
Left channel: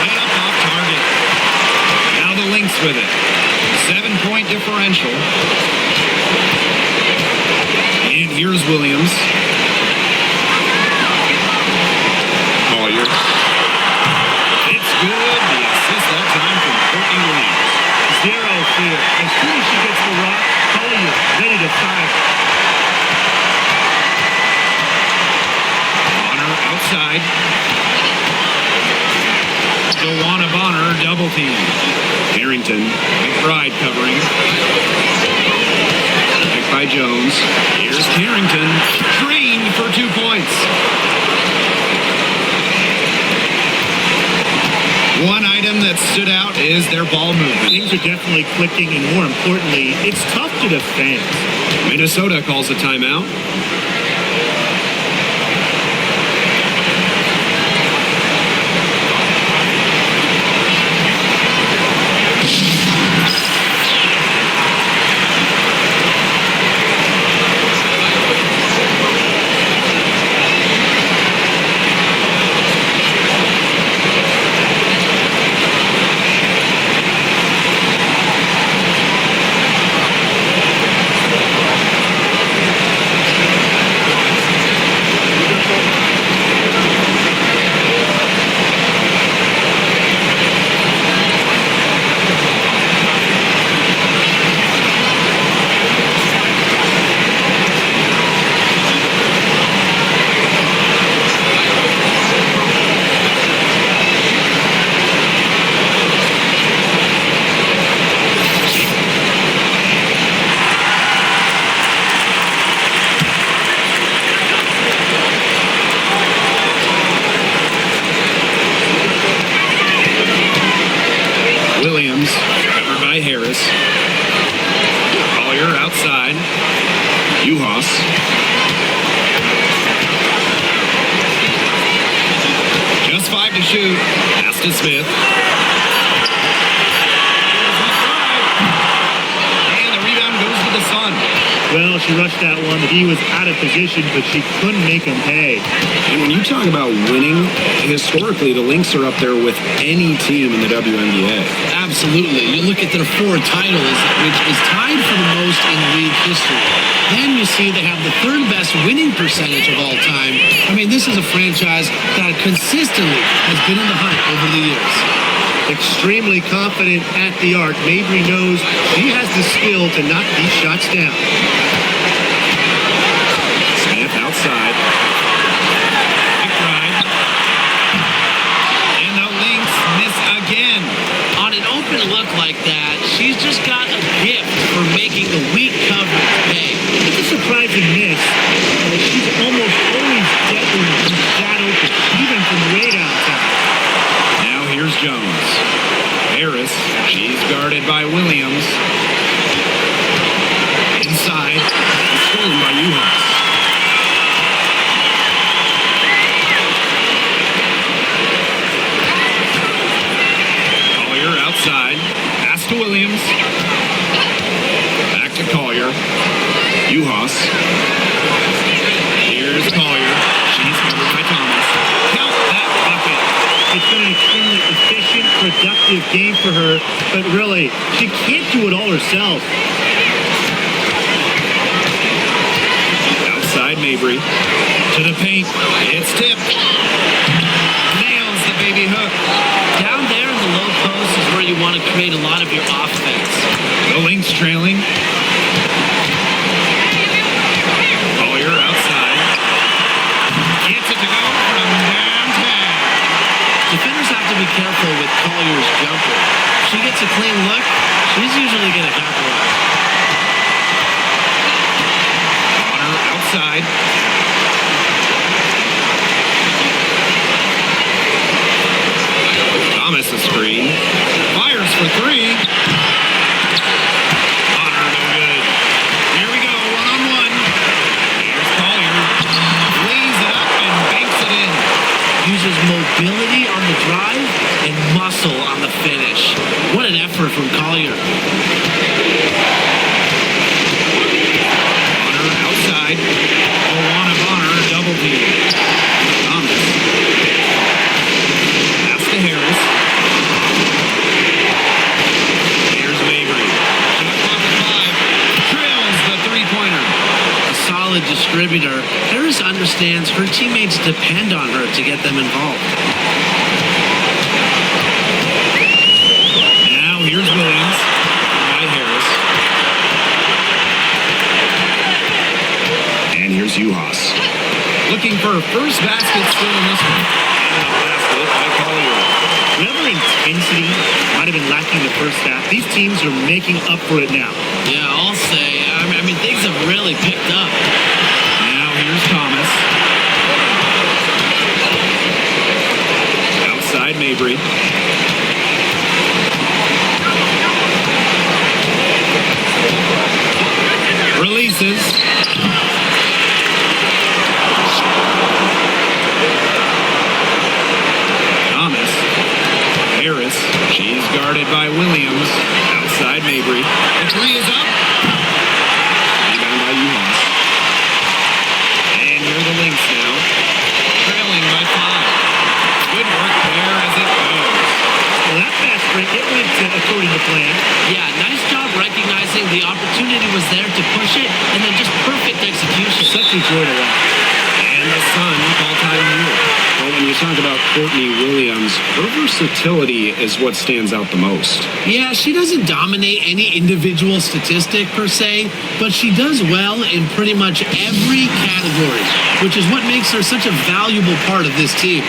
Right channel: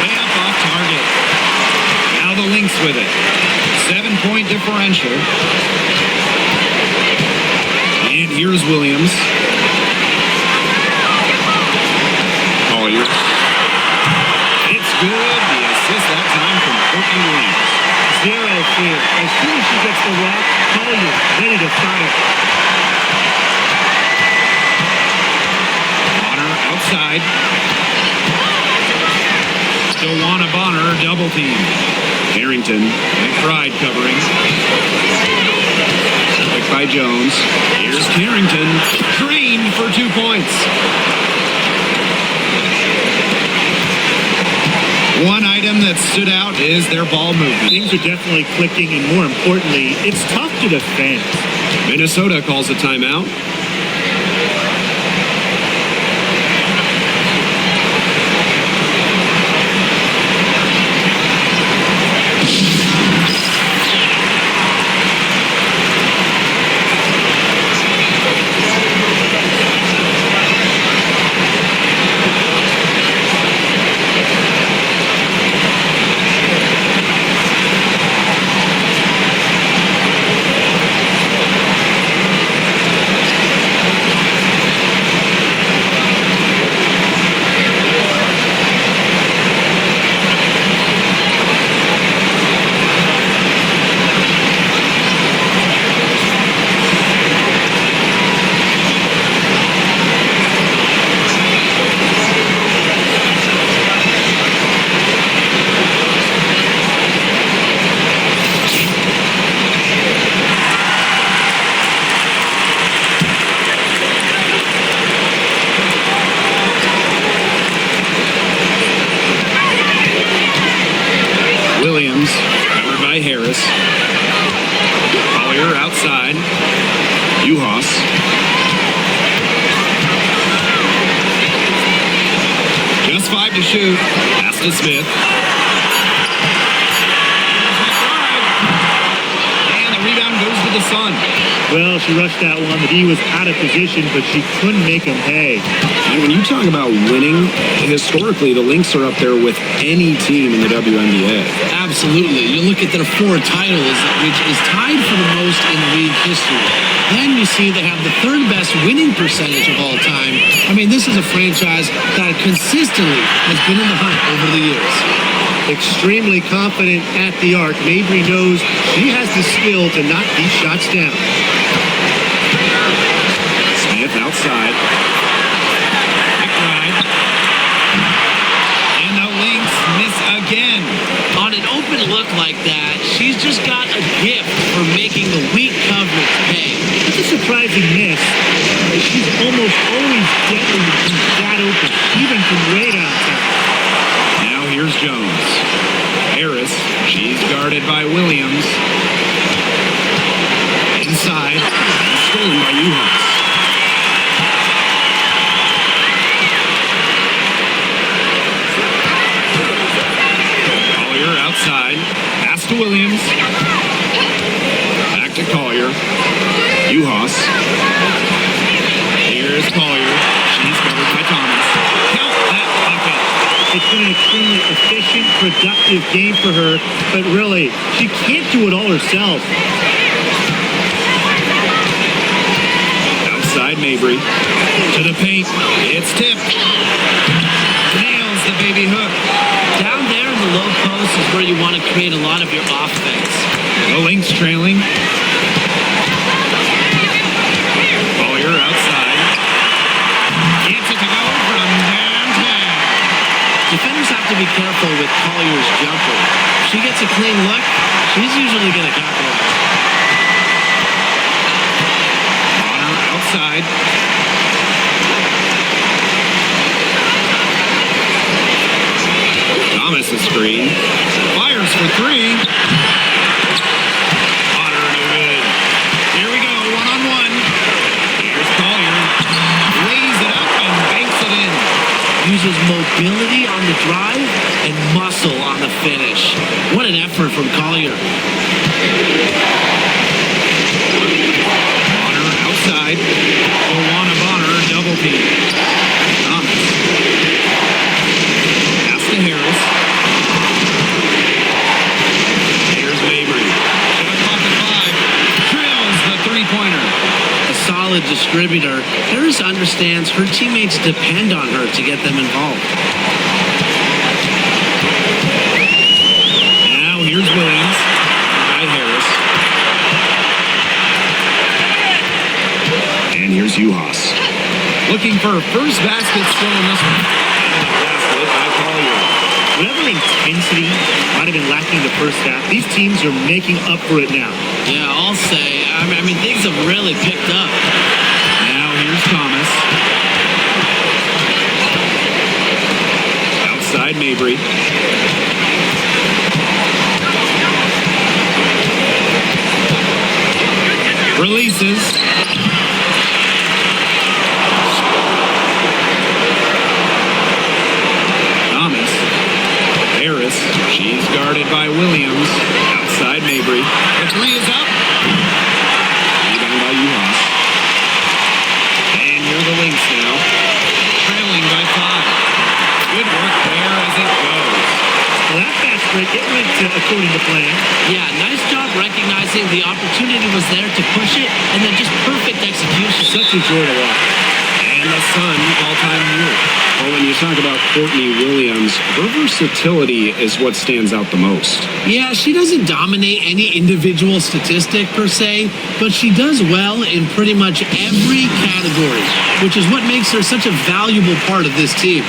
Way up off target. Now the Lynx with it. 7-point differential. And here's Williams. Collier. It's good. The assist that time from Courtney Williams. Zero fear. As soon as she gets the rock, Collier ready to fire. Bonner outside. DeWanna Bonner double team. Carrington. McBride covering. Picked by Jones. Here's Carrington. Drained for 2 points. One item that stood out is their ball movement. Things are definitely clicking, and more importantly, it's tough to defend. Minnesota calls a timeout. Williams, covered by Harris. Collier outside. Uhas. Just 5 to shoot. Pass to Smith. Here's McBride. And the rebound goes to the Sun. Well, she rushed that one. The D was out of position, but she couldn't make them pay. And when you talk about winning, historically, the Lynx are up there with any team in the WNBA. Absolutely. You look at their 4 titles, which is tied for the most in league history. Then you see they have the 3rd best winning percentage of all time. I mean, this is a franchise that consistently has been in the hunt over the years. Extremely confident at the arc. Mabry knows she has the skill to knock these shots down. Smith outside. McBride. And the Lynx miss again. On an open look like that, she's just got a gift for making the weak coverage pay. That's a surprising miss. She's almost always deadly when she's that open, even from way downtown. Now here's Jones. Harris, she's guarded by Williams. Inside, and stolen by Uhas. Collier outside. Pass to Williams. Back to Collier. Uhas. Here's Collier. She's covered by Thomas. Count that bucket. It's been an extremely efficient, productive game for her, but really, she can't do it all herself. Outside Mabry. To the paint. It's tipped. Nails the baby hook. Down there in the low post is where you want to create a lot of your offense. The Lynx trailing. Collier outside. Gets it to go from downtown. Defenders have to be careful with Collier's jumper. If she gets a clean look, she's usually going to capitalize. Bonner outside. Thomas a screen. Fires for 3. Bonner no good. Here we go, 1-on-1. Here's Collier. Lays it up and banks it in. Uses mobility on the drive and muscle on the finish. What an effort from Collier. Bonner outside. Joanna Bonner double team. Thomas. Pass to Harris. Here's Mabry. Shot clock at 5. Trails the 3-pointer. A solid distributor. Harris understands her teammates depend on her to get them involved. Now here's Williams. Covered by Harris. And here's Uhas. Looking for her first basket still in this one. And the basket by Collier. Whatever intensity might have been lacking the first half, these teams are making up for it now. Yeah, I'll say. I mean, things have really picked up. Now here's Thomas. Outside Mabry. Releases. Thomas. Harris. She's guarded by Williams. Outside Mabry. The 3 is up. Rebound by Uhas. And here are the Lynx now. Trailing by 5. Good work there as it goes. Well, that fast break, it went according to plan. Yeah, nice job recognizing the opportunity was there to push it, and then just perfect execution. Such a joy to watch. And the Sun call time here. Well, when you talk about Courtney Williams, her versatility is what stands out the most. Yeah, she doesn't dominate any individual statistic per se, but she does well in pretty much every category, which is what makes her such a valuable part of this team.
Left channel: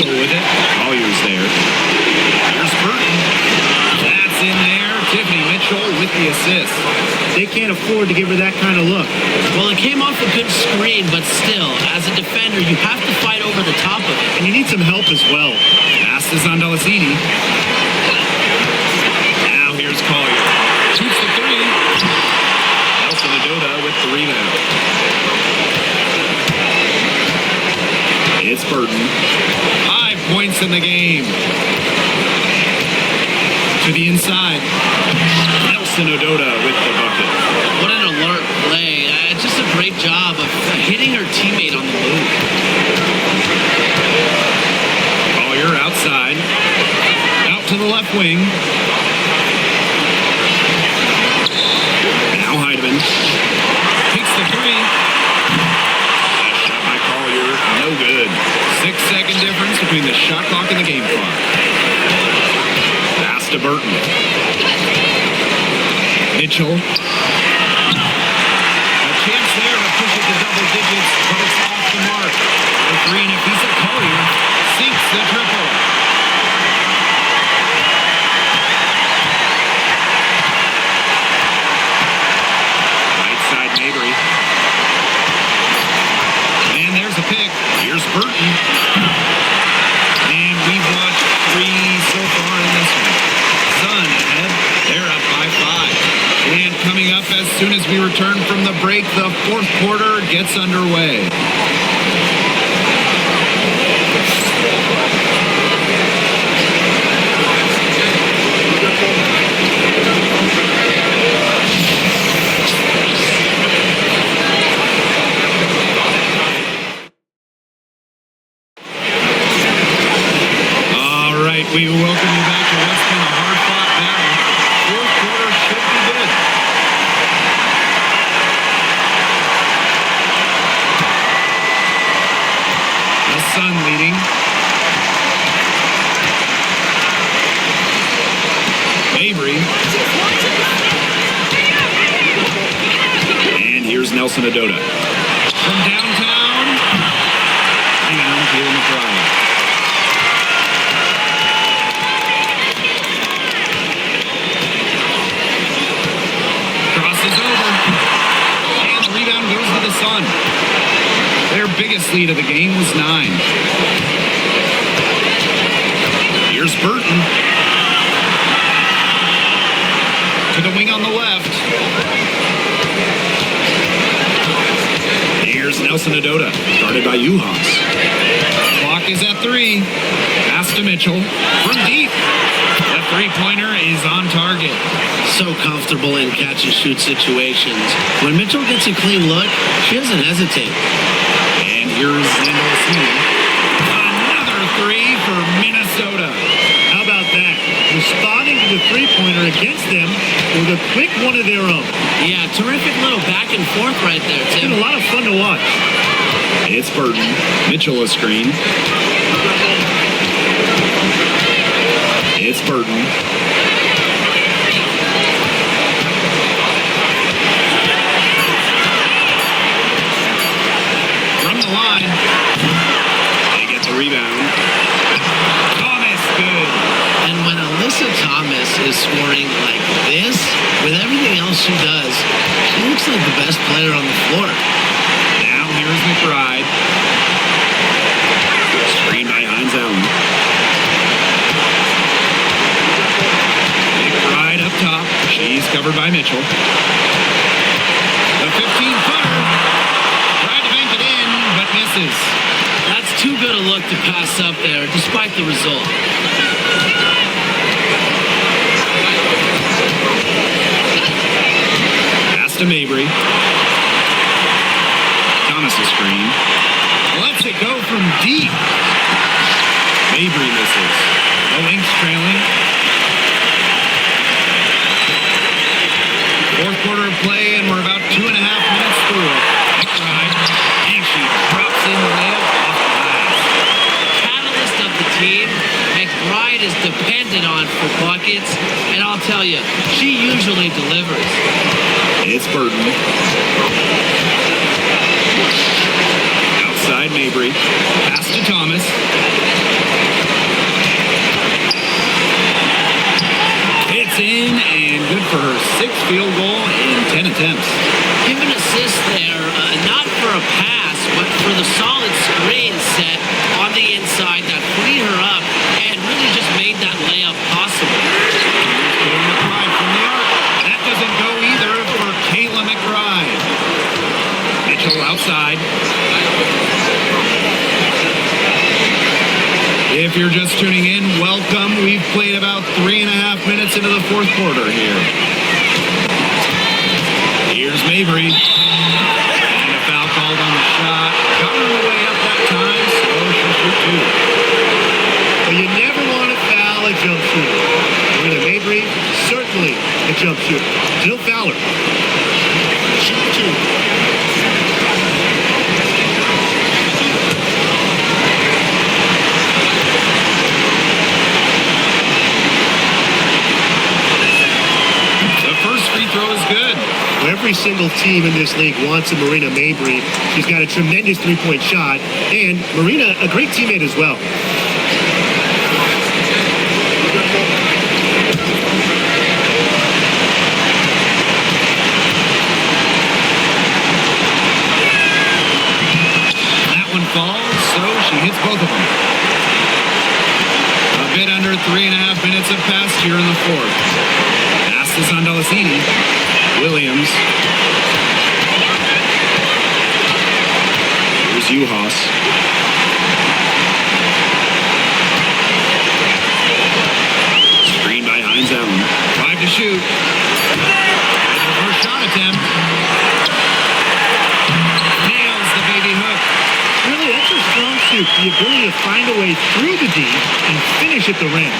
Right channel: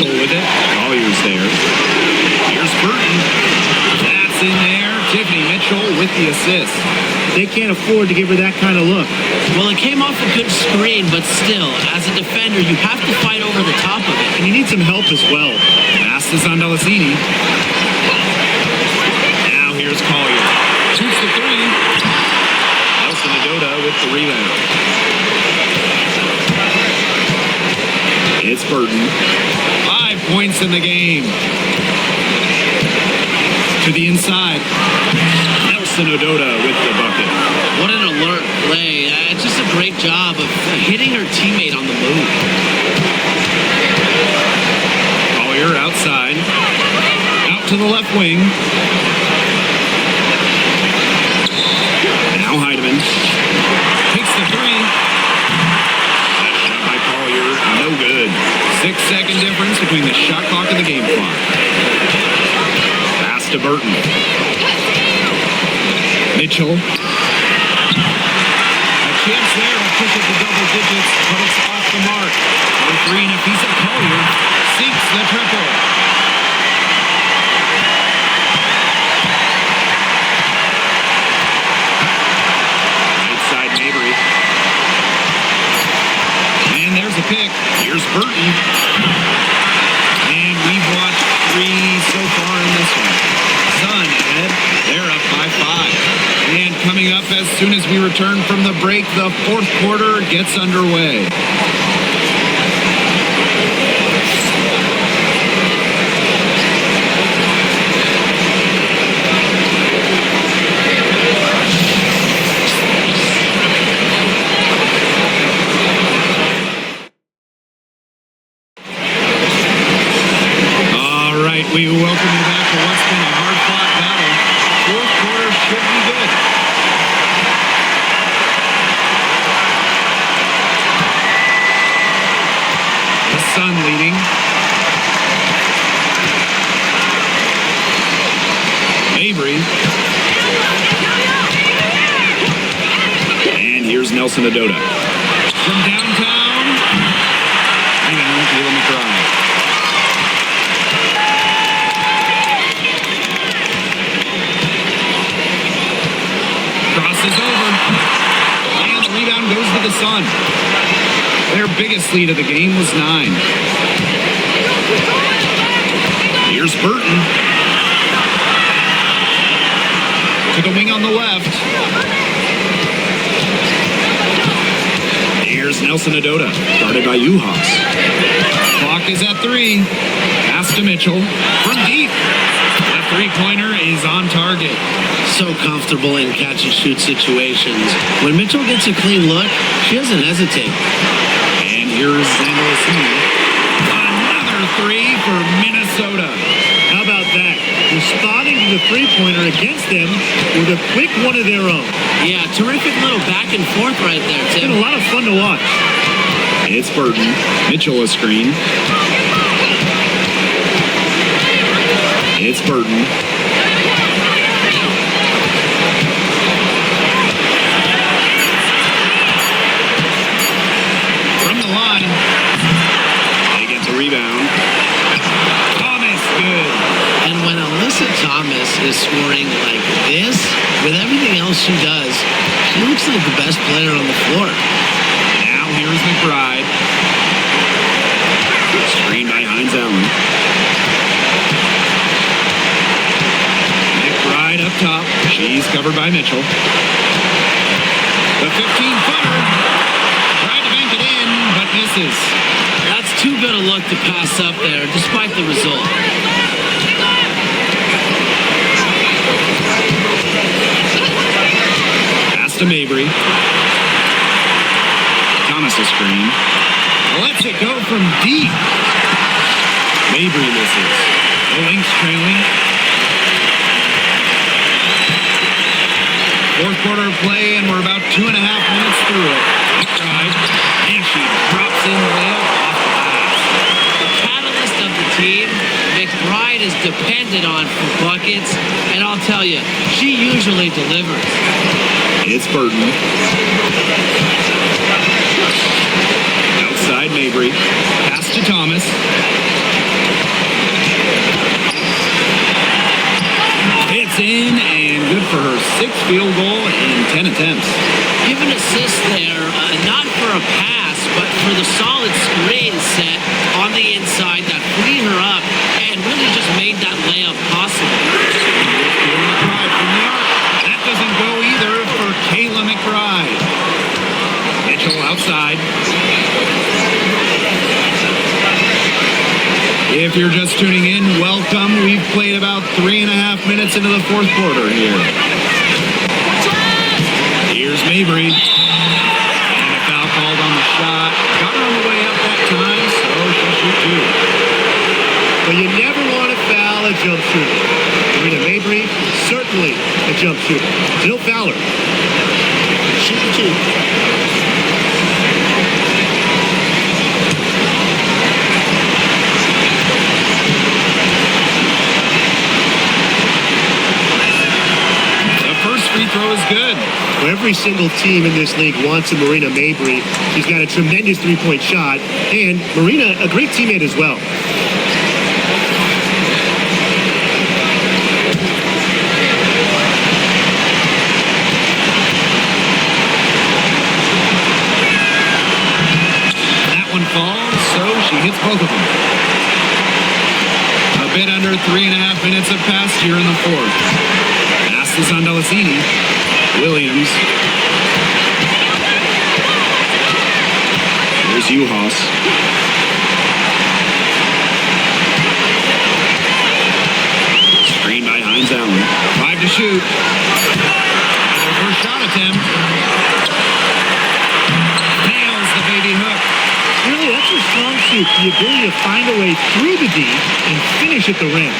Mitchell with it. Collier's there. Here's Burton. That's in there. Tiffany Mitchell with the assist. They can't afford to give her that kind of look. Well, it came off a good screen, but still, as a defender, you have to fight over the top of it. And you need some help as well. Pass to Zondalicini. Now here's Collier. Shoots the three. Nelson Adoda with the rebound. It's Burton. 5 points in the game. To the inside. Nelson Adoda with the bucket. What an alert play. Just a great job of hitting her teammate on the move. Collier outside. Out to the left wing. Now Heidemann. Takes the three. That shot by Collier, no good. 6-second difference between the shot clock and the game clock. Pass to Burton. Mitchell. A chance there to push it to double digits, but it's off the mark. For three, Nafisa Collier sinks the triple. Right side, Mabry. And there's a pick. Here's Burton. And we've watched 3 so far in this one. Sun ahead. They're up by 5. And coming up as soon as we return from the break, the 4th quarter gets underway. We welcome you back to what's been a hard-fought battle. 4th quarter should be good. The Sun leading. Mabry. And here's Nelson Adoda. From downtown. Rebound, Kayla McBride. Crosses over, and the rebound goes to the Sun. Their biggest lead of the game was 9. Here's Burton. To the wing on the left. Here's Nelson Adoda, guarded by Uhas. Clock is at 3. Pass to Mitchell from deep. The three-pointer is on target. So comfortable in catch-and-shoot situations. When Mitchell gets a clean look, she doesn't hesitate. And here's Zondalicini. Another 3 for Minnesota. How about that? Responding to the three-pointer against them with a quick one of their own. Yeah, terrific little back and forth right there, Tim. It's been a lot of fun to watch. It's Burton. Mitchell a screen. It's Burton. From the line. They get the rebound. Thomas, good. And when Alyssa Thomas is scoring like this, with everything else she does, she looks like the best player on the floor. Now here's McBride. Screen by Hines Allen. McBride up top. She's covered by Mitchell. The 15-footer. Tried to bank it in, but misses. That's too good a look to pass up there, despite the result. Pass to Mabry. Thomas a screen. Lets it go from deep. Mabry misses. The Lynx trailing. 4th quarter of play, and we're about 2.5 minutes through it. McBride, and she drops in the layup off glass. The catalyst of the team, McBride is depended on for buckets, and I'll tell you, she usually delivers. It's Burton. Outside Mabry. Pass to Thomas. It's in and good for her 6th field goal in 10 attempts. Give an assist there, not for a pass, but for the solid screen set on the inside that freed her up and really just made that layup possible. Here's Kayla McBride from the arc. That doesn't go either for Kayla McBride. Mitchell outside. If you're just tuning in, welcome. We've played about 3.5 minutes into the 4th quarter here. Here's Mabry. And a foul called on the shot. Got her on the way up that time, so she'll shoot 2. But you never want to foul a jump shooter. Marina Mabry, certainly a jump shooter. Jill Fowler, shoot 2. First free throw is good. Well, every single team in this league wants a Marina Mabry. She's got a tremendous three-point shot, and Marina, a great teammate as well. That one falls, so she hits both of them. A bit under 3.5 minutes have passed here in the 4th. This is on Delasini. Williams. Here's Uhas. Screen by Hines Allen. 5 to shoot. Their first shot attempt. Nails the baby hook. Really, that's her strong suit. The ability to find a way through the D and finish at the rim.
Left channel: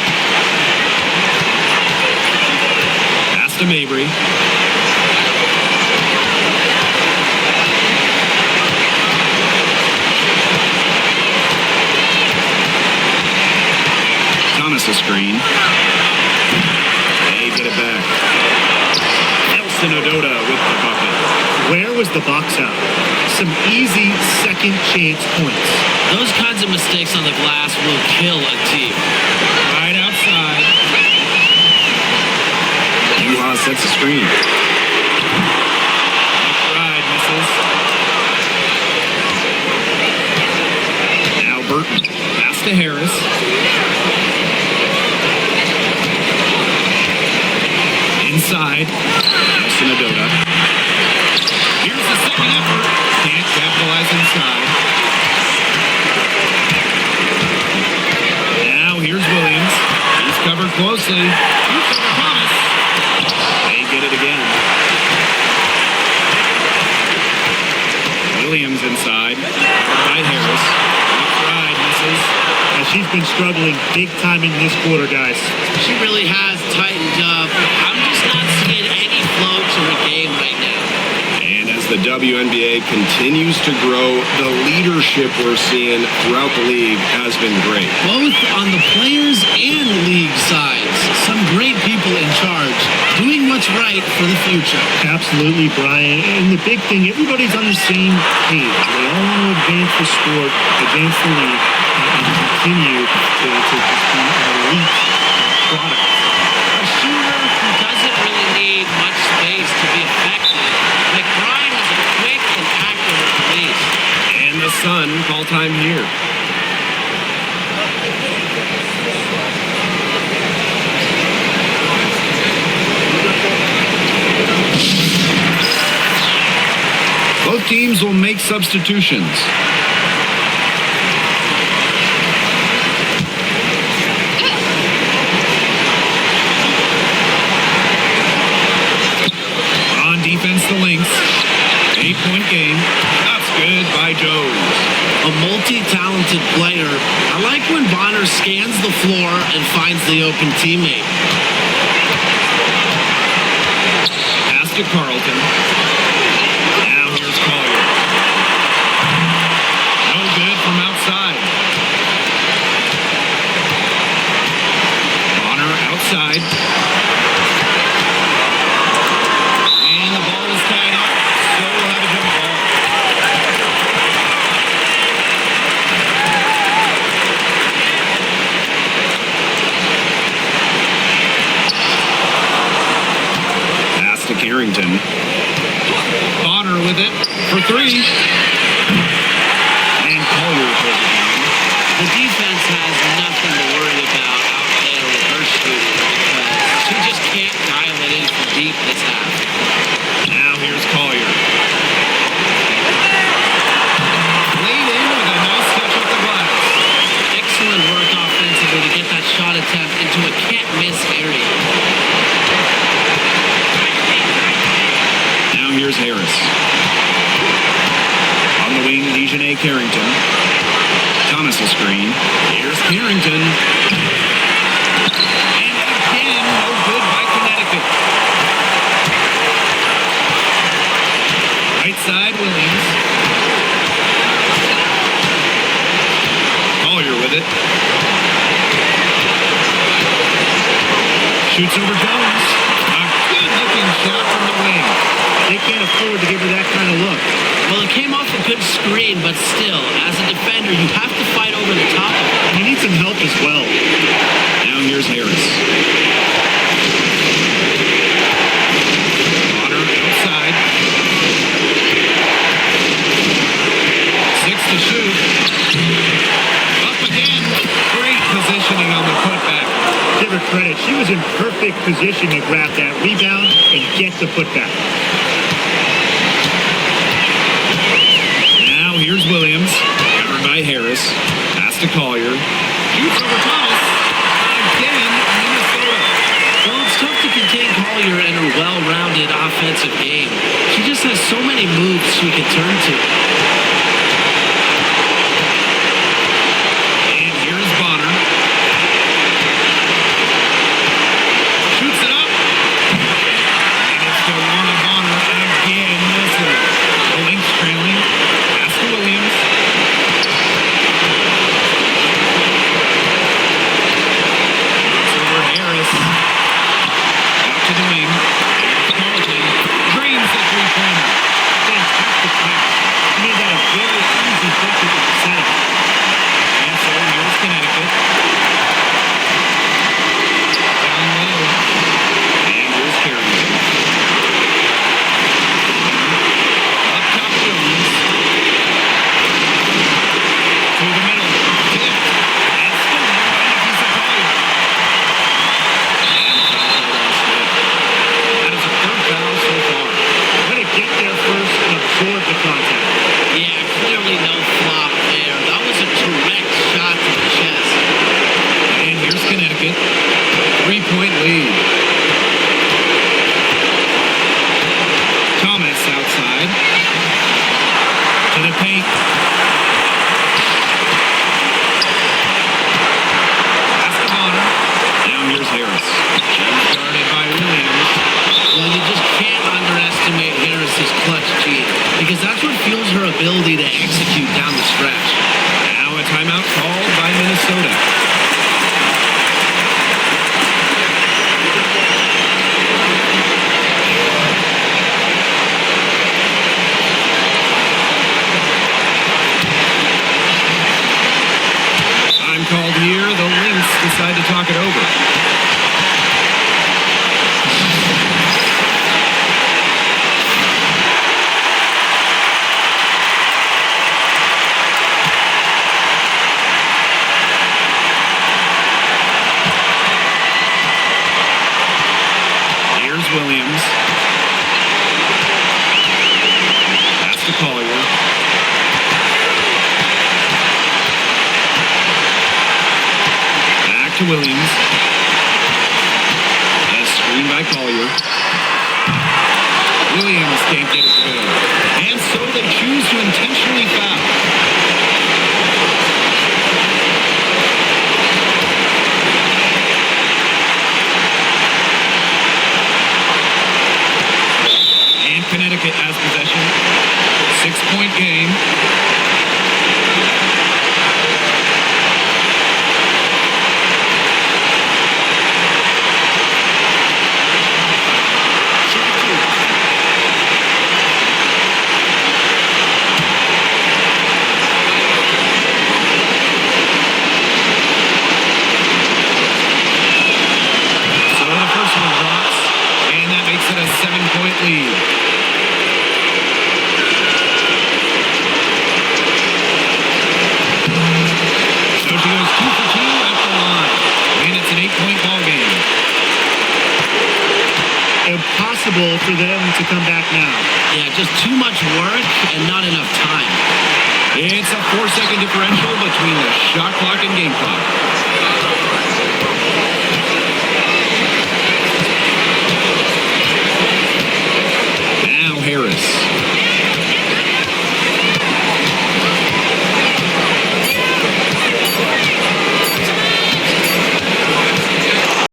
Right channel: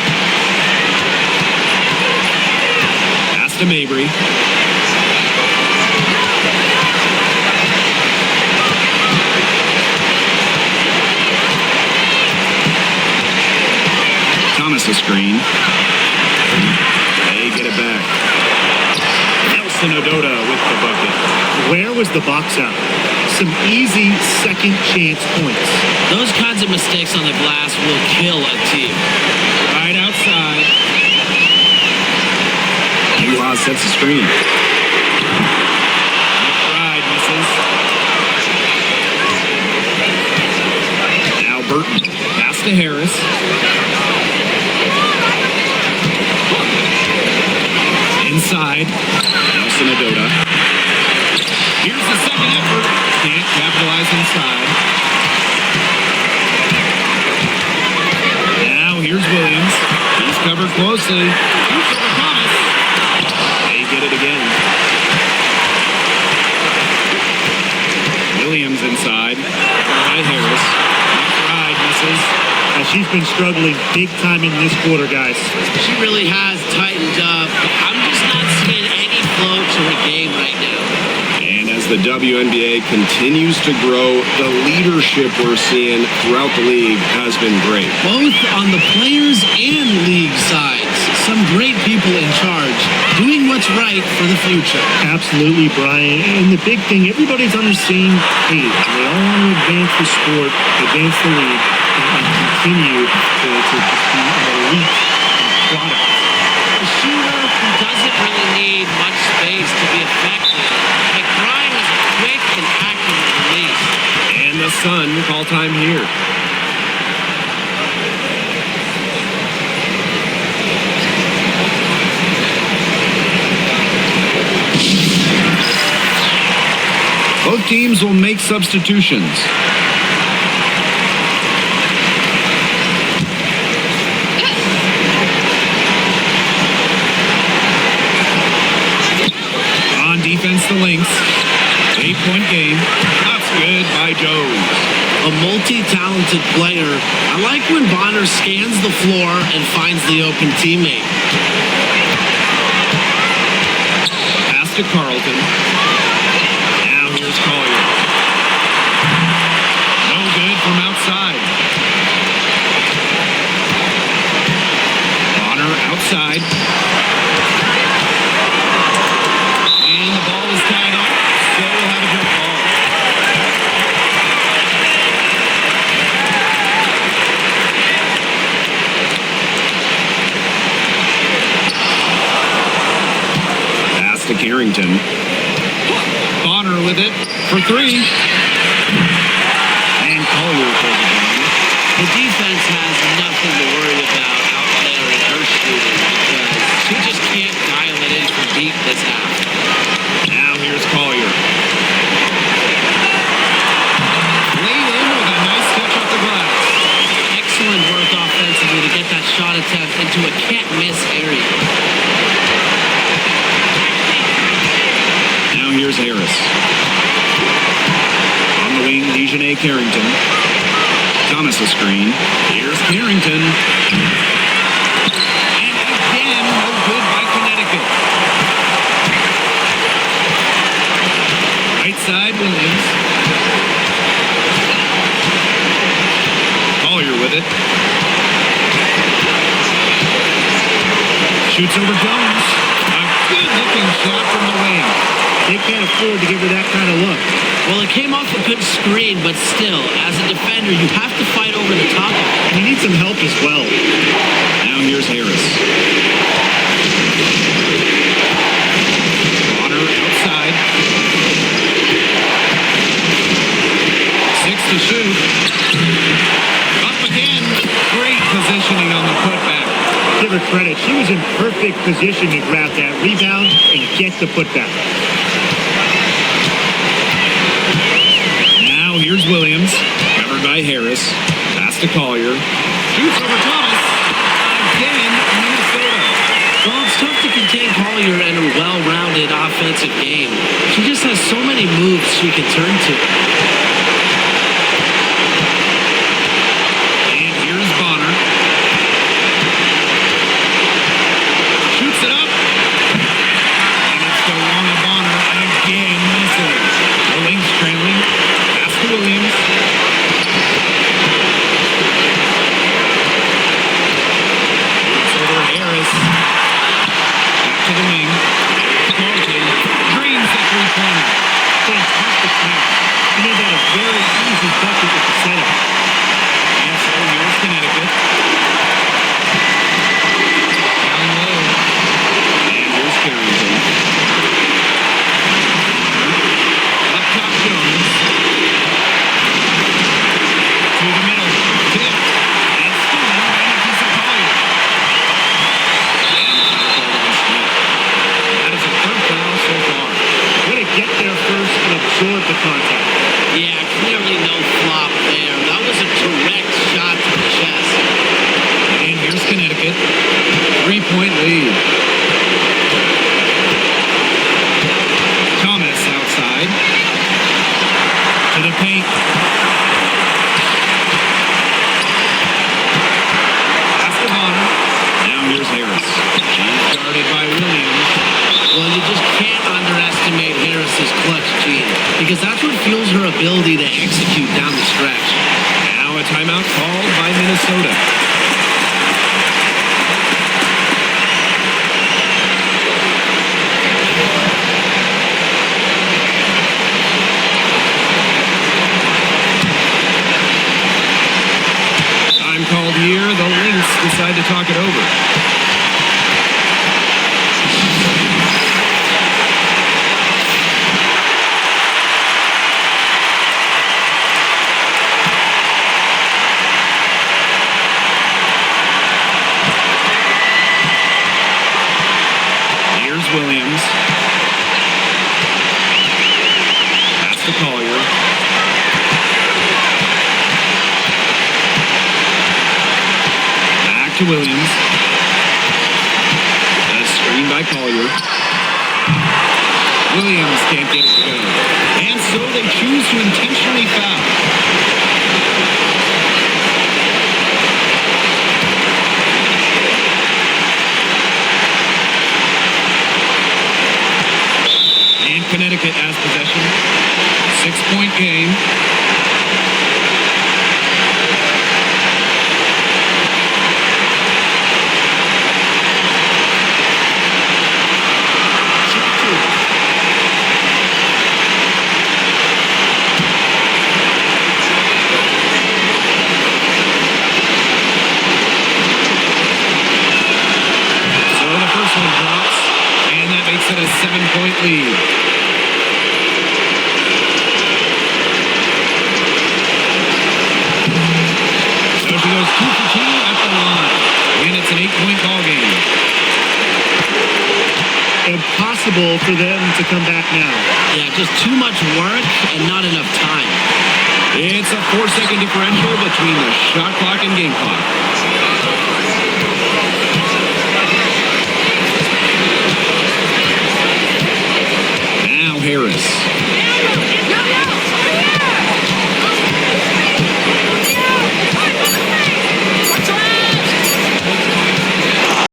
To Mabry. Thomas a screen. They get it back. Nelson Odota with the bucket. Where was the box out? Some easy second chance points. Those kinds of mistakes on the glass will kill a team. Right outside. Uhas sets the screen. McBride misses. Now Burton. Pass to Harris. Inside. Nelson Odota. Here's the second effort. Can't capitalize inside. Now here's Williams. He's covered closely. Shoots over Thomas. Get it again. Williams inside. Covered by Harris. McBride misses. She's been struggling big time in this quarter, guys. She really has tightened up. I'm just not seeing any flow to her game right now. And as the WNBA continues to grow, the leadership we're seeing throughout the league has been great. Both on the players and league sides. Some great people in charge, doing what's right for the future. Absolutely, Brian. And the big thing, everybody's on the same page. They all want to advance the sport, advance the league, and continue to just be an elite product. A shooter who doesn't really need much space to be effective. McBride has a quick and accurate release. And the Sun call time here. Both teams will make substitutions. On defense, the Lynx. 8-point game. Shots good by Jones. A multi-talented player. I like when Bonner scans the floor and finds the open teammate. Pass to Carlton. Now here's Collier. No good from outside. Bonner outside. And the ball is tied up, so we'll have a jump ball. to Carrington. Bonner with it for three. And Collier pulls it down. The defense has nothing to worry about out there with her shooting because she just can't dial it in from deep this half. Now here's Collier. Laid in with a nice touch off the glass. Excellent work offensively to get that shot attempt into a can't-miss area. Now here's Harris. On the wing, Dejanay Carrington. Thomas a screen. Here's Carrington. And again, no good by Connecticut. Right side, Williams. Collier with it. Shoots over Jones. A good-looking shot from the wing. They can't afford to give her that kind of look. Well, it came off a good screen, but still, as a defender, you have to fight over the top of it. You need some help as well. Now here's Harris. Bonner outside. 6 to shoot. Up again. Great positioning on the putback. Give her credit. She was in perfect position to grab that rebound and get the putback. Now here's Williams. Covered by Harris. Pass to Collier. Shoots over Thomas. Again, Minnesota. Well, it's tough to contain Collier and her well-rounded offensive game. She just has so many moves she can turn to. And here's Bonner. Shoots it up. And it's Dewana Bonner again missing. The Lynx trailing. Pass to Williams. Shoots over Harris. Out to the wing. Here's Carlton. Drains the three-pointer. Fantastic pass. She made that a very easy bucket with the setup. And so here's Connecticut. Down low. And here's Carrington. Bonner. Up top Jones. To the middle. Tipped. And stolen by Nafisa Collier. And the foul called on Smith. That is her third foul so far. Way to get there first and absorb the contact. Yeah, clearly no flop there. That was a direct shot to the chest. And here's Connecticut. 3-point lead. Thomas outside. To the paint. Pass to Bonner. Now here's Harris. She's guarded by Williams. Well, you just can't underestimate Harris's clutch gene because that's what fuels her ability to execute down the stretch. Now a timeout called by Minnesota. Time called here. The Lynx decide to talk it over. Here's Williams. Pass to Collier. Back to Williams. A screen by Collier. Williams can't get it to go. And so they choose to intentionally foul. And Connecticut has possession. 6-point game. So the first one drops, And that makes it a 7-point lead. So she goes 2 for 2 at the line. And it's an 8-point ball game. Impossible for them to come back now. Yeah, just too much work and not enough time. It's a 4-second differential between the shot clock and game clock. Now Harris.